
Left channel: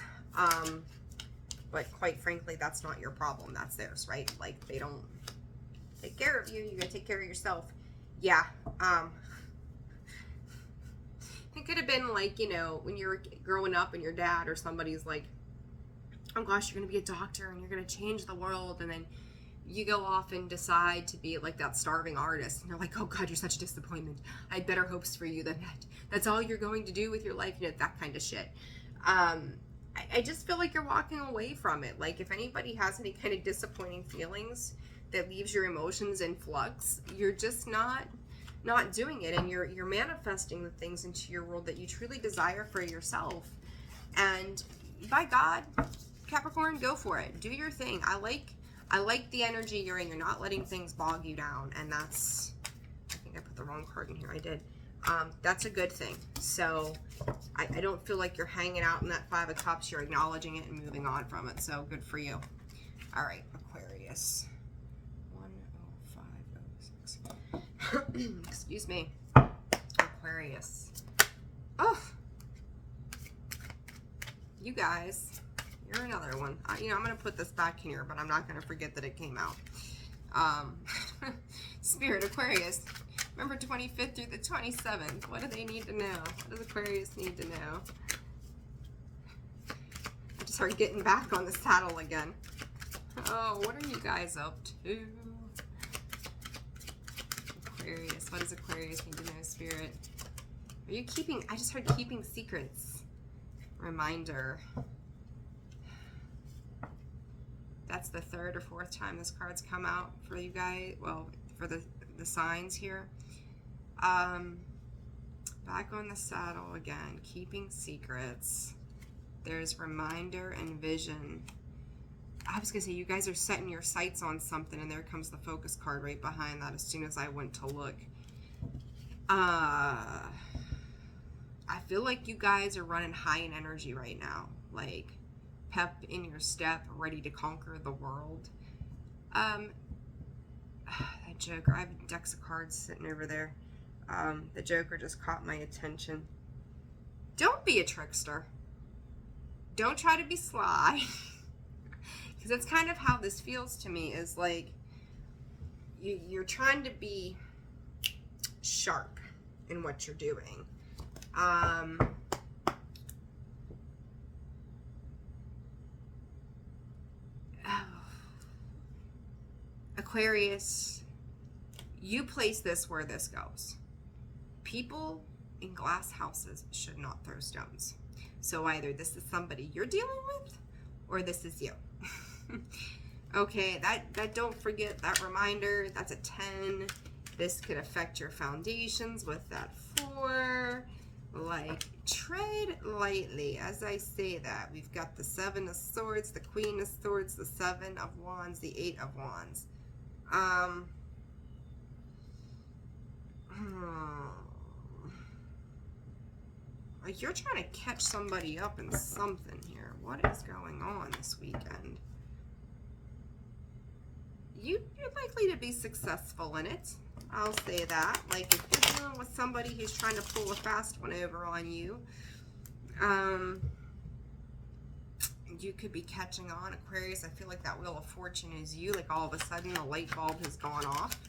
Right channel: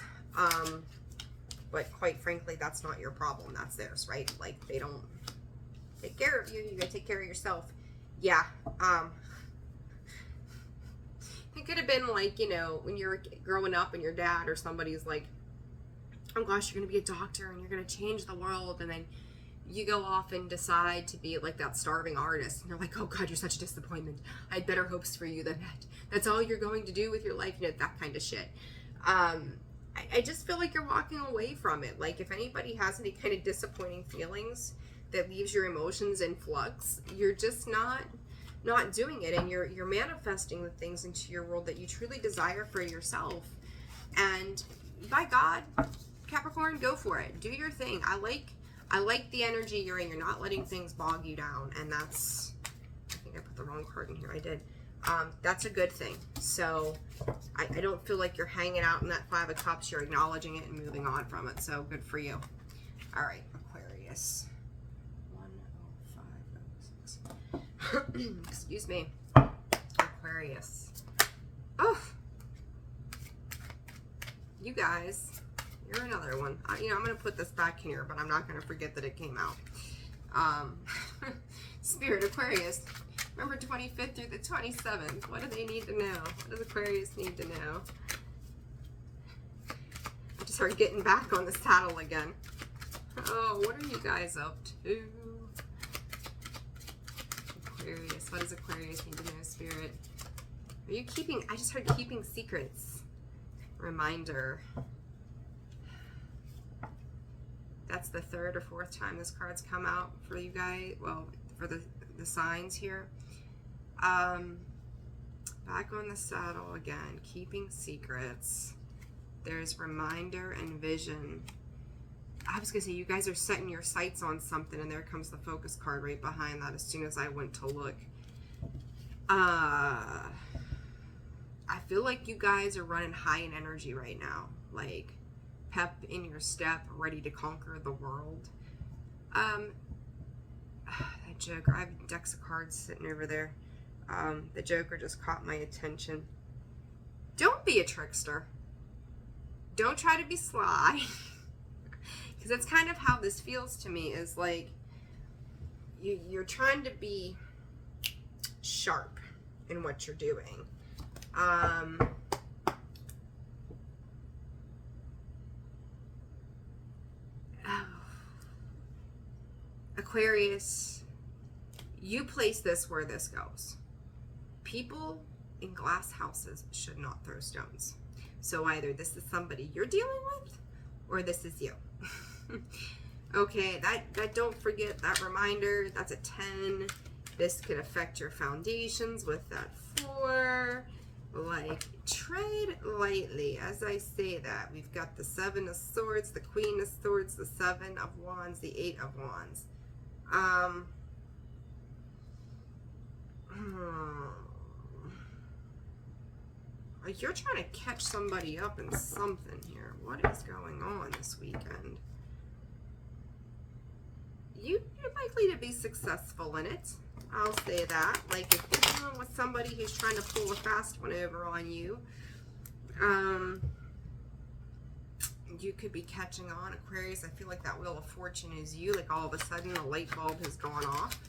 but quite frankly, that's not your problem. That's theirs, right? Like, they don't take care of you. You gotta take care of yourself. Yeah. It could have been like, you know, when you're growing up and your dad or somebody's like, oh gosh, you're gonna be a doctor and you're gonna change the world, and then you go off and decide to be like that starving artist, and you're like, oh God, you're such a disappointment. I had better hopes for you than that. That's all you're going to do with your life, you know, that kind of shit. I just feel like you're walking away from it. Like, if anybody has any kind of disappointing feelings that leaves your emotions in flux, you're just not not doing it, and you're manifesting the things into your world that you truly desire for yourself. And by God, Capricorn, go for it. Do your thing. I like the energy you're in. You're not letting things bog you down, and that's, I think I put the wrong card in here. I did. That's a good thing. So I don't feel like you're hanging out in that Five of Cups. You're acknowledging it and moving on from it. So good for you. All right, Aquarius. 10506. Excuse me. Aquarius. Oh, you guys, you're another one. I'm going to put this back here, but I'm not going to forget that it came out. Spirit, Aquarius, November 25th through the 27th. What do they need to know? What does Aquarius need to know? I just started getting back on the saddle again. Oh, what are you guys up to? Aquarius, what does Aquarius need to know, Spirit? Are you keeping, I just heard keeping secrets. Reminder. That's the third or fourth time this card's come out for you guys. Well, for the signs here. Back on the saddle again. Keeping secrets. There's reminder and vision. I was going to say, you guys are setting your sights on something, and there comes the focus card right behind that as soon as I went to look. I feel like you guys are running high in energy right now. Like, pep in your step, ready to conquer the world. That Joker, I have decks of cards sitting over there. The Joker just caught my attention. Don't be a trickster. Don't try to be sly. Because that's kind of how this feels to me, is like you're trying to be sharp in what you're doing. Aquarius, you place this where this goes. People in glass houses should not throw stones. So either this is somebody you're dealing with, or this is you. Okay, that don't forget that reminder. That's a 10. This could affect your foundations with that 4. Like, tread lightly as I say that. We've got the 7 of Swords, the Queen of Swords, the 7 of Wands, the 8 of Wands. You're trying to catch somebody up in something here. What is going on this weekend? You're likely to be successful in it. I'll say that. Like, if you're dealing with somebody who's trying to pull a fast one over on you, you could be catching on, Aquarius. I feel like that Wheel of Fortune is you. Like, all of a sudden, the light bulb has gone off.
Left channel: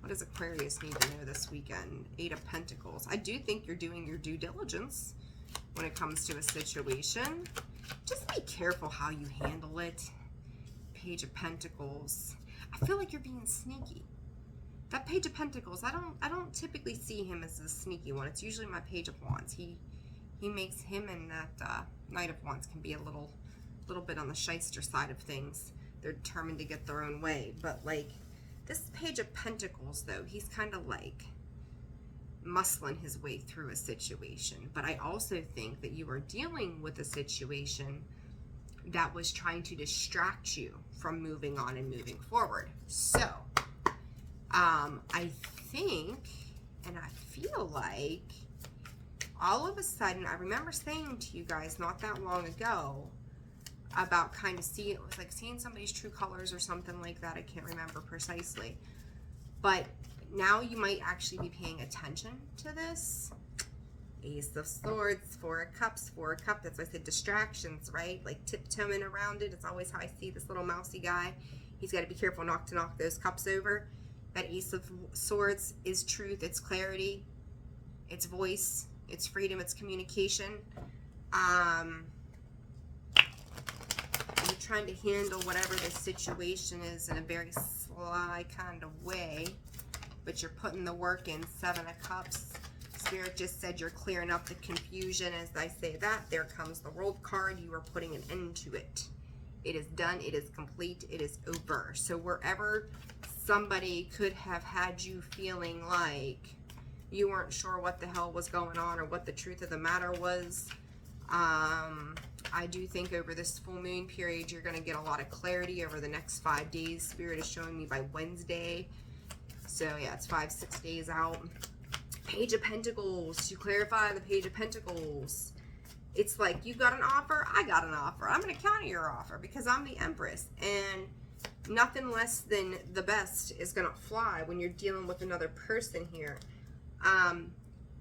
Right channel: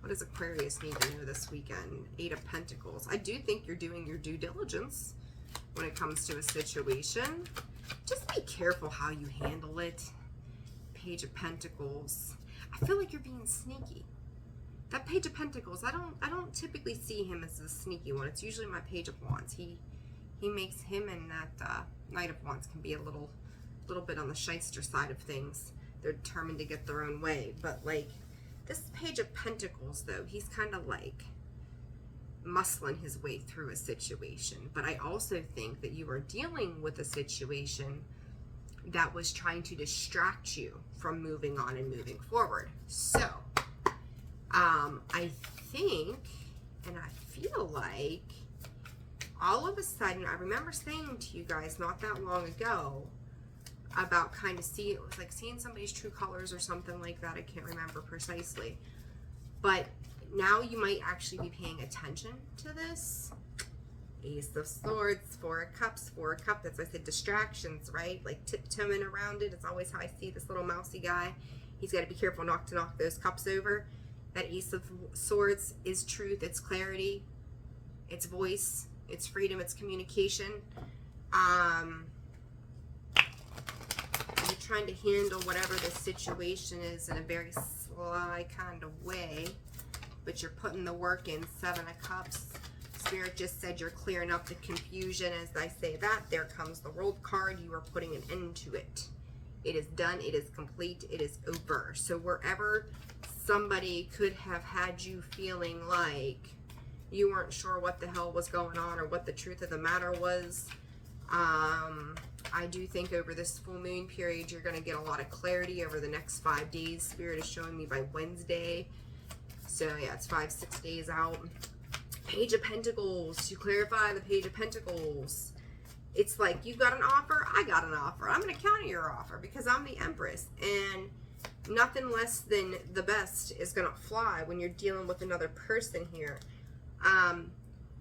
What does Aquarius need to know this weekend? 8 of Pentacles. I do think you're doing your due diligence when it comes to a situation. Just be careful how you handle it. Page of Pentacles. I feel like you're being sneaky. That Page of Pentacles, I don't typically see him as a sneaky one. It's usually my Page of Wands. He makes him and that Knight of Wands can be a little bit on the shyster side of things. They're determined to get their own way. But like this Page of Pentacles, though, he's kind of like muscling his way through a situation. But I also think that you are dealing with a situation that was trying to distract you from moving on and moving forward. So I think, and I feel like, all of a sudden, I remember saying to you guys not that long ago about kind of seeing, it was like seeing somebody's true colors or something like that. I can't remember precisely. But now you might actually be paying attention to this. Ace of Swords, 4 of Cups, 4 of Cups. That's why I said distractions, right? Like tiptoeing around it. It's always how I see this little mousy guy. He's got to be careful not to knock those cups over. That Ace of Swords is truth. It's clarity. It's voice. It's freedom. It's communication. You're trying to handle whatever the situation is in a very sly kind of way, but you're putting the work in. 7 of Cups. Spirit just said you're clearing up the confusion. As I say that, there comes the World card. You are putting an end to it. It is done. It is complete. It is over. So wherever somebody could have had you feeling like you weren't sure what the hell was going on or what the truth of the matter was. I do think over this full moon period, you're going to get a lot of clarity over the next 5 days. Spirit is showing me by Wednesday. So yeah, it's 5-6 days out. Page of Pentacles. To clarify the Page of Pentacles, it's like you got an offer, I got an offer. I'm going to counter your offer because I'm the Empress. And nothing less than the best is going to fly when you're dealing with another person here.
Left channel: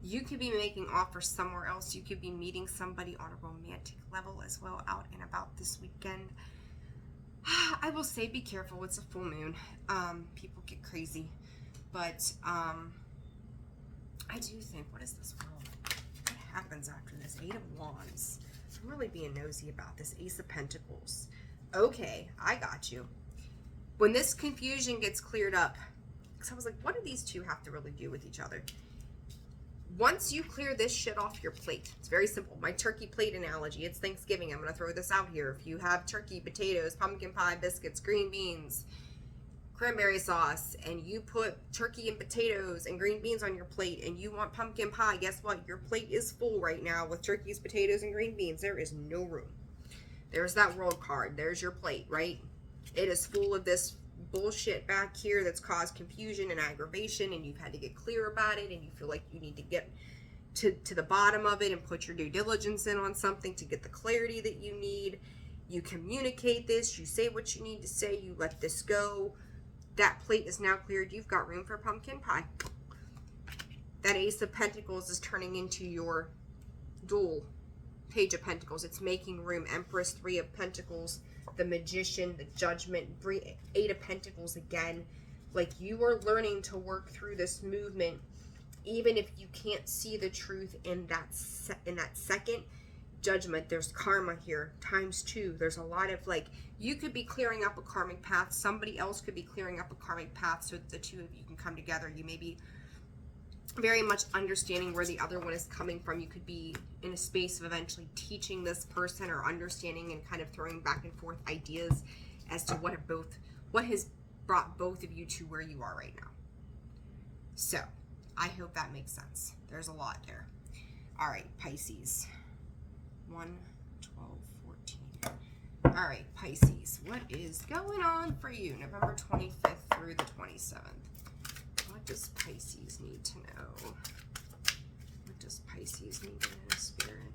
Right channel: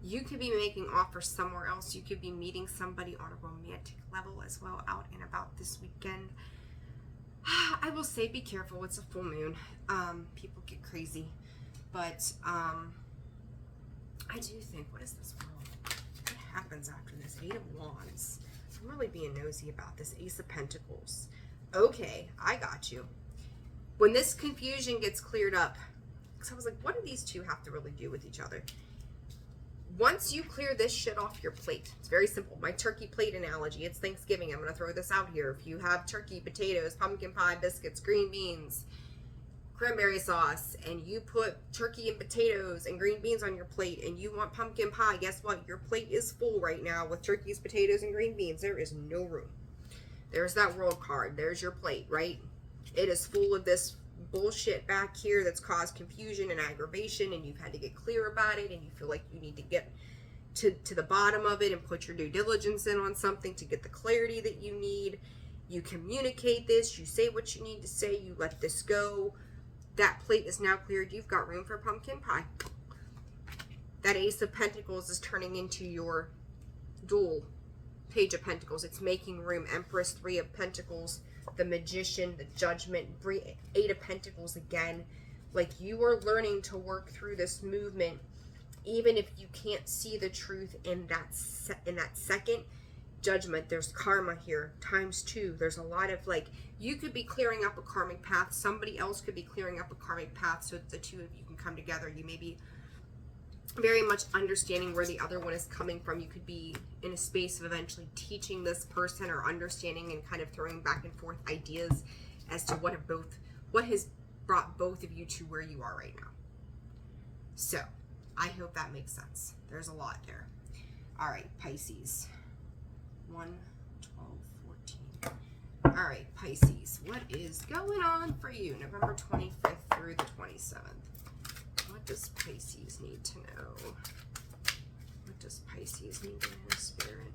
You could be making offers somewhere else. You could be meeting somebody on a romantic level as well out and about this weekend. I will say be careful. It's a full moon. People get crazy. But I do think, what is this world? What happens after this? 8 of Wands. I'm really being nosy about this. Ace of Pentacles. Okay, I got you. When this confusion gets cleared up, because I was like, what do these two have to really do with each other? Once you clear this shit off your plate, it's very simple. My turkey plate analogy, it's Thanksgiving. I'm going to throw this out here. If you have turkey, potatoes, pumpkin pie, biscuits, green beans, cranberry sauce, and you put turkey and potatoes and green beans on your plate and you want pumpkin pie, guess what? Your plate is full right now with turkeys, potatoes, and green beans. There is no room. There's that world card. There's your plate, right? It is full of this bullshit back here that's caused confusion and aggravation, and you've had to get clear about it, and you feel like you need to get to the bottom of it and put your due diligence in on something to get the clarity that you need. You communicate this, you say what you need to say, you let this go. That plate is now cleared. You've got room for pumpkin pie. That Ace of Pentacles is turning into your dual Page of Pentacles. It's making room. Empress, 3 of Pentacles, the Magician, the Judgment, 8 of Pentacles again. Like, you are learning to work through this movement, even if you can't see the truth in that second. Judgment, there's karma here, ×2. There's a lot of, like, you could be clearing up a karmic path. Somebody else could be clearing up a karmic path so that the two of you can come together. You may be very much understanding where the other one is coming from. You could be in a space of eventually teaching this person or understanding and kind of throwing back and forth ideas as to what has brought both of you to where you are right now. So I hope that makes sense. There's a lot there. All right, Pisces. 1, 12, 14. All right, Pisces. What is going on for you? November 25th through the 27th. What does Pisces need to know? What does Pisces need to know, Spirit?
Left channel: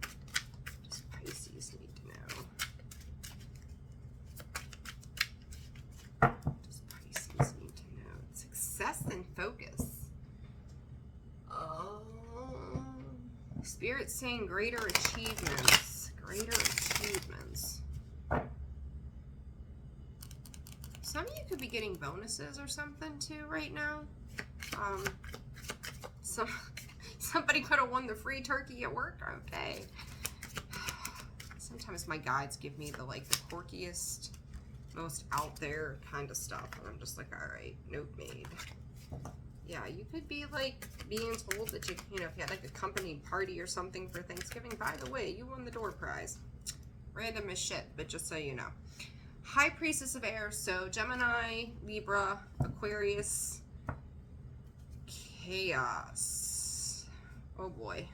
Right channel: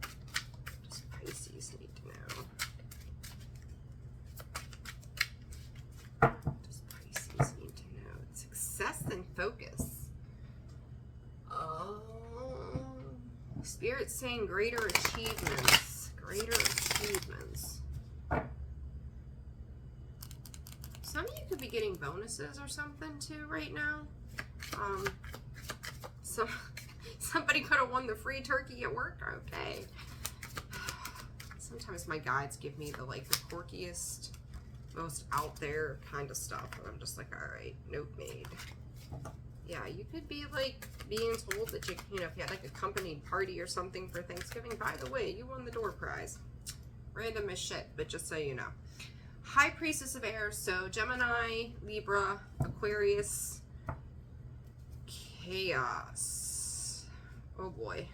What does Pisces need to know? What does Pisces need to know? Success and focus. Oh, Spirit's saying greater achievements. Greater achievements. Some of you could be getting bonuses or something too right now. Somebody could have won the free turkey at work. Okay. Sometimes my guides give me the quirkiest, most out there kind of stuff, and I'm just like, all right, note made. Yeah, you could be like being told that if you had like a company party or something for Thanksgiving. By the way, you won the door prize. Random as shit, but just so you know. High Priestess of Air, so Gemini, Libra, Aquarius, Chaos. Oh boy.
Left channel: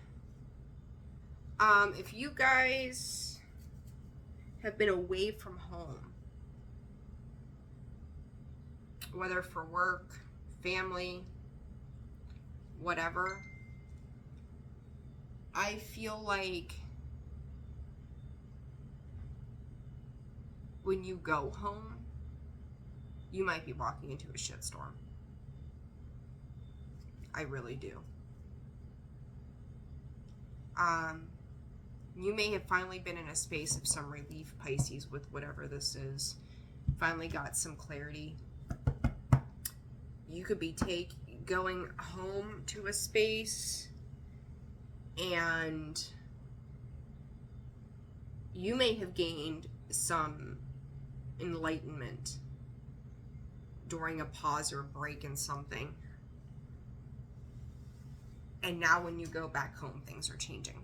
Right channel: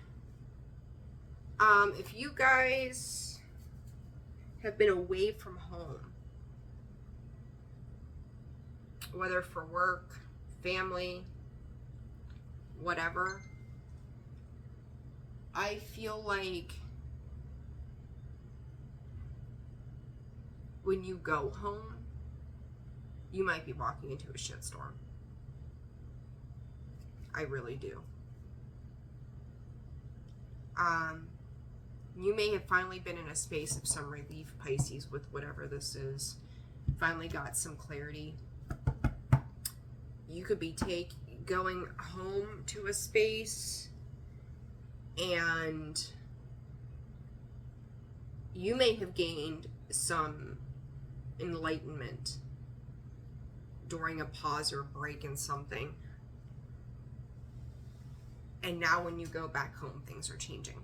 If you guys have been away from home, whether for work, family, whatever, I feel like when you go home, you might be walking into a shitstorm. I really do. You may have finally been in a space of some relief, Pisces, with whatever this is. Finally got some clarity. You could be going home to a space, and you may have gained some enlightenment during a pause or break in something, and now when you go back home, things are changing.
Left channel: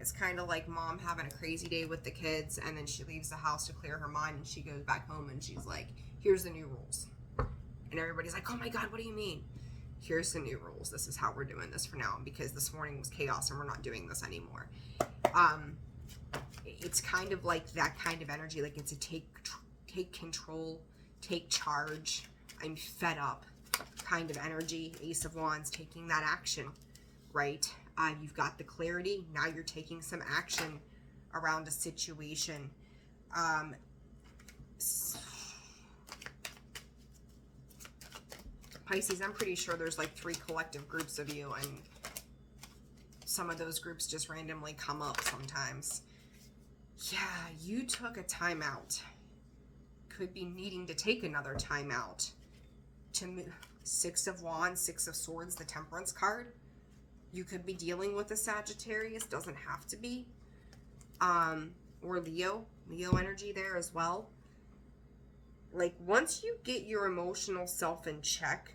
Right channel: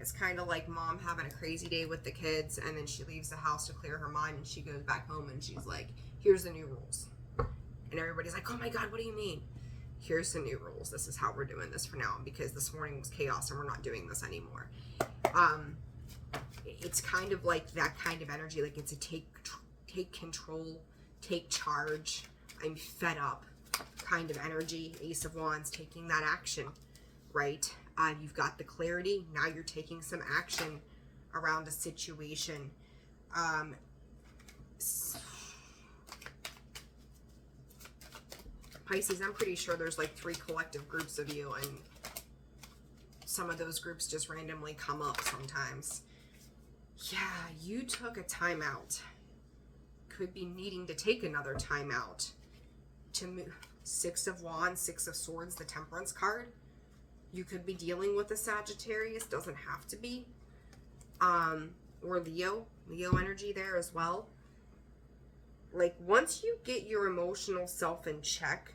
It's kind of like mom having a crazy day with the kids, and then she leaves the house to clear her mind, and she goes back home and she's like, here's the new rules, and everybody's like, oh my god, what do you mean? here's the new rules. This is how we're doing this for now, because this morning was chaos and we're not doing this anymore. It's kind of like that kind of energy, like it's a take control, take charge, I'm fed up kind of energy. Ace of Wands, taking that action, right? You've got the clarity, now you're taking some action around a situation. Pisces, I'm pretty sure there's like 3 collective groups of you, and some of those groups just randomly come up sometimes. Yeah, you took a timeout. Could be needing to take another timeout to move. 6 of Wands, 6 of Swords, the Temperance card. You could be dealing with a Sagittarius, doesn't have to be. Or Leo energy there as well. Like, once you get your emotional self in check,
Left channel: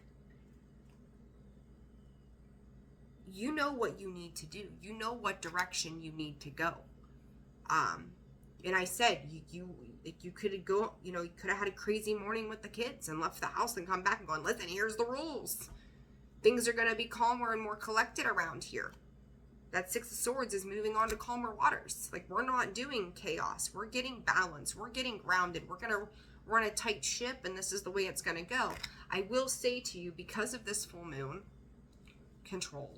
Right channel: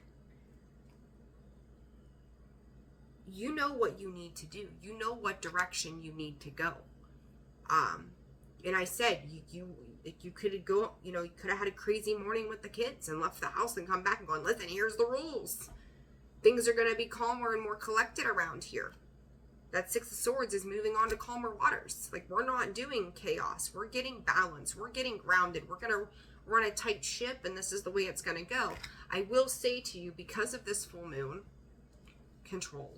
you know what you need to do. You know what direction you need to go. And I said, you could go, you could have had a crazy morning with the kids and left the house and come back and gone, listen, here's the rules. Things are going to be calmer and more collected around here. That 6 of Swords is moving on to calmer waters. Like, we're not doing chaos. We're getting balance. We're getting grounded. We're going to run a tight ship, and this is the way it's going to go. I will say to you, because of this full moon, control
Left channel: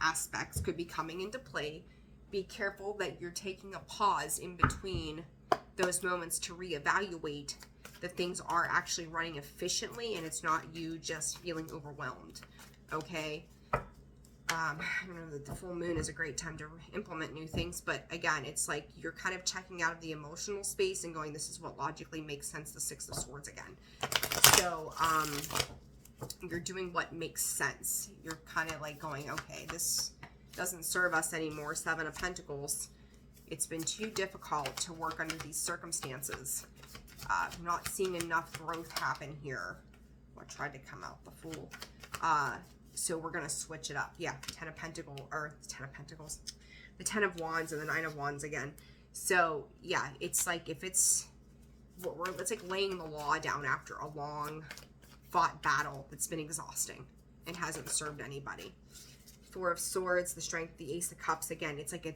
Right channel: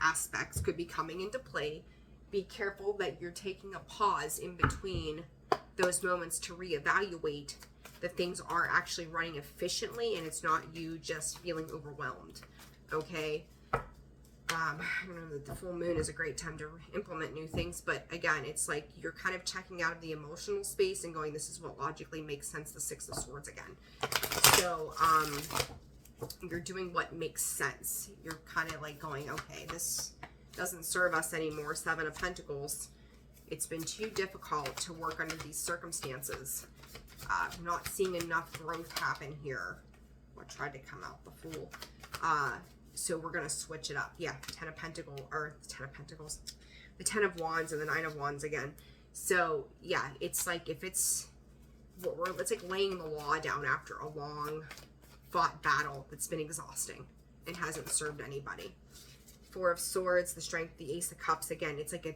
aspects could be coming into play. Be careful that you're taking a pause in between those moments to reevaluate that things are actually running efficiently and it's not you just feeling overwhelmed. Okay? I know that the full moon is a great time to implement new things, but again, it's like you're kind of checking out of the emotional space and going, this is what logically makes sense, the 6 of Swords again. So, you're doing what makes sense. You're kind of like going, okay, this doesn't serve us anymore. 7 of Pentacles. It's been too difficult to work under these circumstances. Not seeing enough growth happen here. I tried to come out the Fool. So we're going to switch it up. Yeah, 10 of Pentacles, or 10 of Pentacles. The 10 of Wands and the 9 of Wands again. So, yeah, it's like if it's like laying the law down after a long fought battle that's been exhausting and hasn't served anybody. 4 of Swords, the Strength, the Ace of Cups. Again, it's like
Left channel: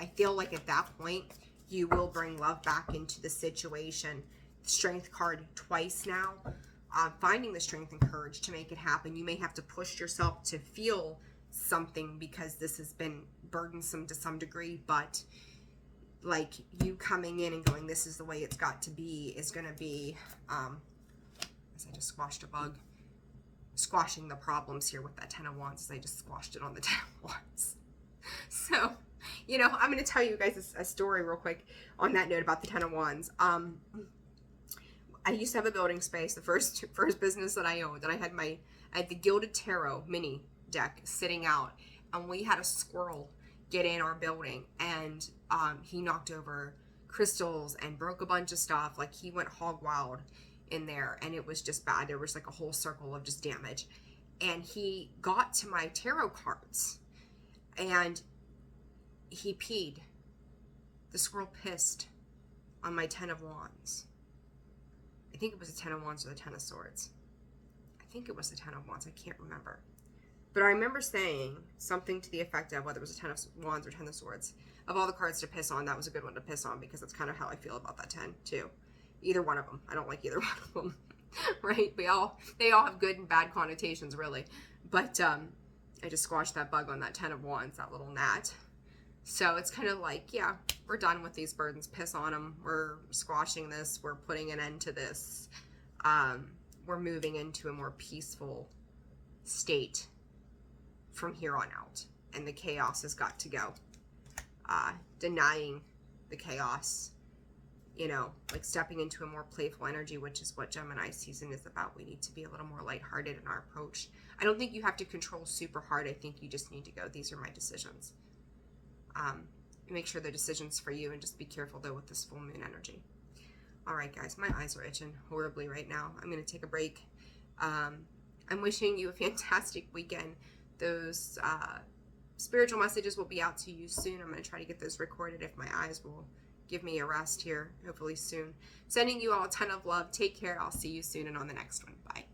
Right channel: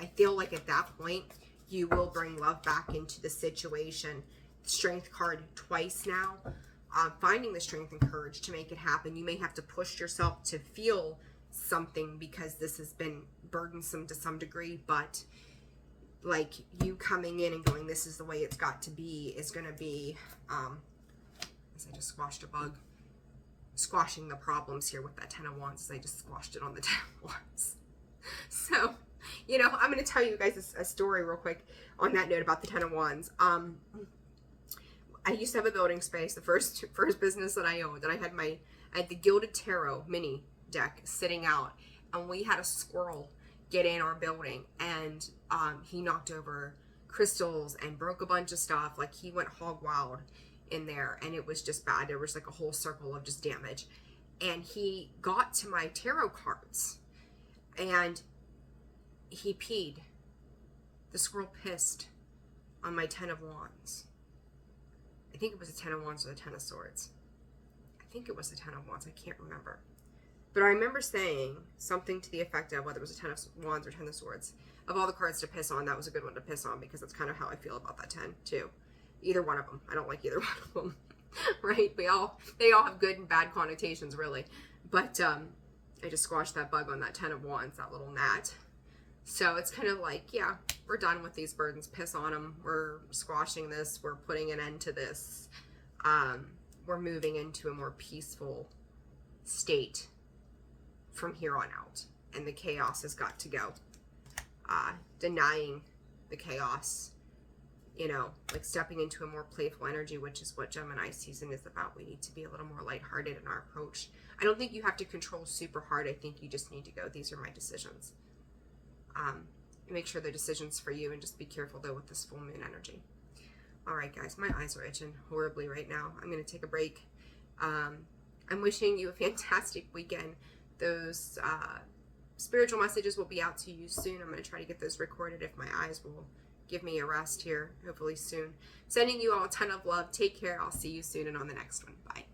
I feel like at that point, you will bring love back into the situation. Strength card twice now. Finding the strength and courage to make it happen. You may have to push yourself to feel something because this has been burdensome to some degree, but like you coming in and going, this is the way it's got to be, is going to be, I just squashed a bug. Squashing the problems here with that 10 of Wands, as I just squashed it on the 10 of Wands. So, I'm going to tell you guys a story real quick on that note about the 10 of Wands. I used to have a building space, the first business that I owned, and I had the Gilded Tarot mini deck sitting out, and we had a squirrel get in our building, and he knocked over crystals and broke a bunch of stuff. Like, he went hog wild in there, and it was just bad. There was like a whole circle of just damage, and he got to my tarot cards, and he peed. The squirrel pissed on my 10 of Wands. I think it was the 10 of Wands or the 10 of Swords. I think it was the 10 of Wands. I can't remember. But I remember saying something to the effect of, whether it was a 10 of Wands or 10 of Swords, of all the cards to piss on, that was a good one to piss on, because that's kind of how I feel about that 10 too. Either one of them. I don't like either one of them. Right? They all have good and bad connotations, really. But I just squashed that bug on that 10 of Wands, that little gnat. So it's kind of like, yeah, we're done with these burdens. Piss on them. We're squashing this. We're putting an end to this. We're moving into a more peaceful state from here on out. And the chaos has got to go. Denying the chaos. Like stepping into a more playful energy, which is what Gemini season is about. We need to be a little more lighthearted in our approach. I don't think you have to control super hard. I think you just need to go, these are my decisions. Make sure the decision's for you, and just be careful though with this full moon energy. All right, guys, my eyes are itching horribly right now. I'm going to take a break. I'm wishing you a fantastic weekend. Those spiritual messages will be out to you soon. I'm going to try to get those recorded if my eyes will give me a rest here, hopefully soon. Sending you all a ton of love. Take care. I'll see you soon and on the next one. Bye.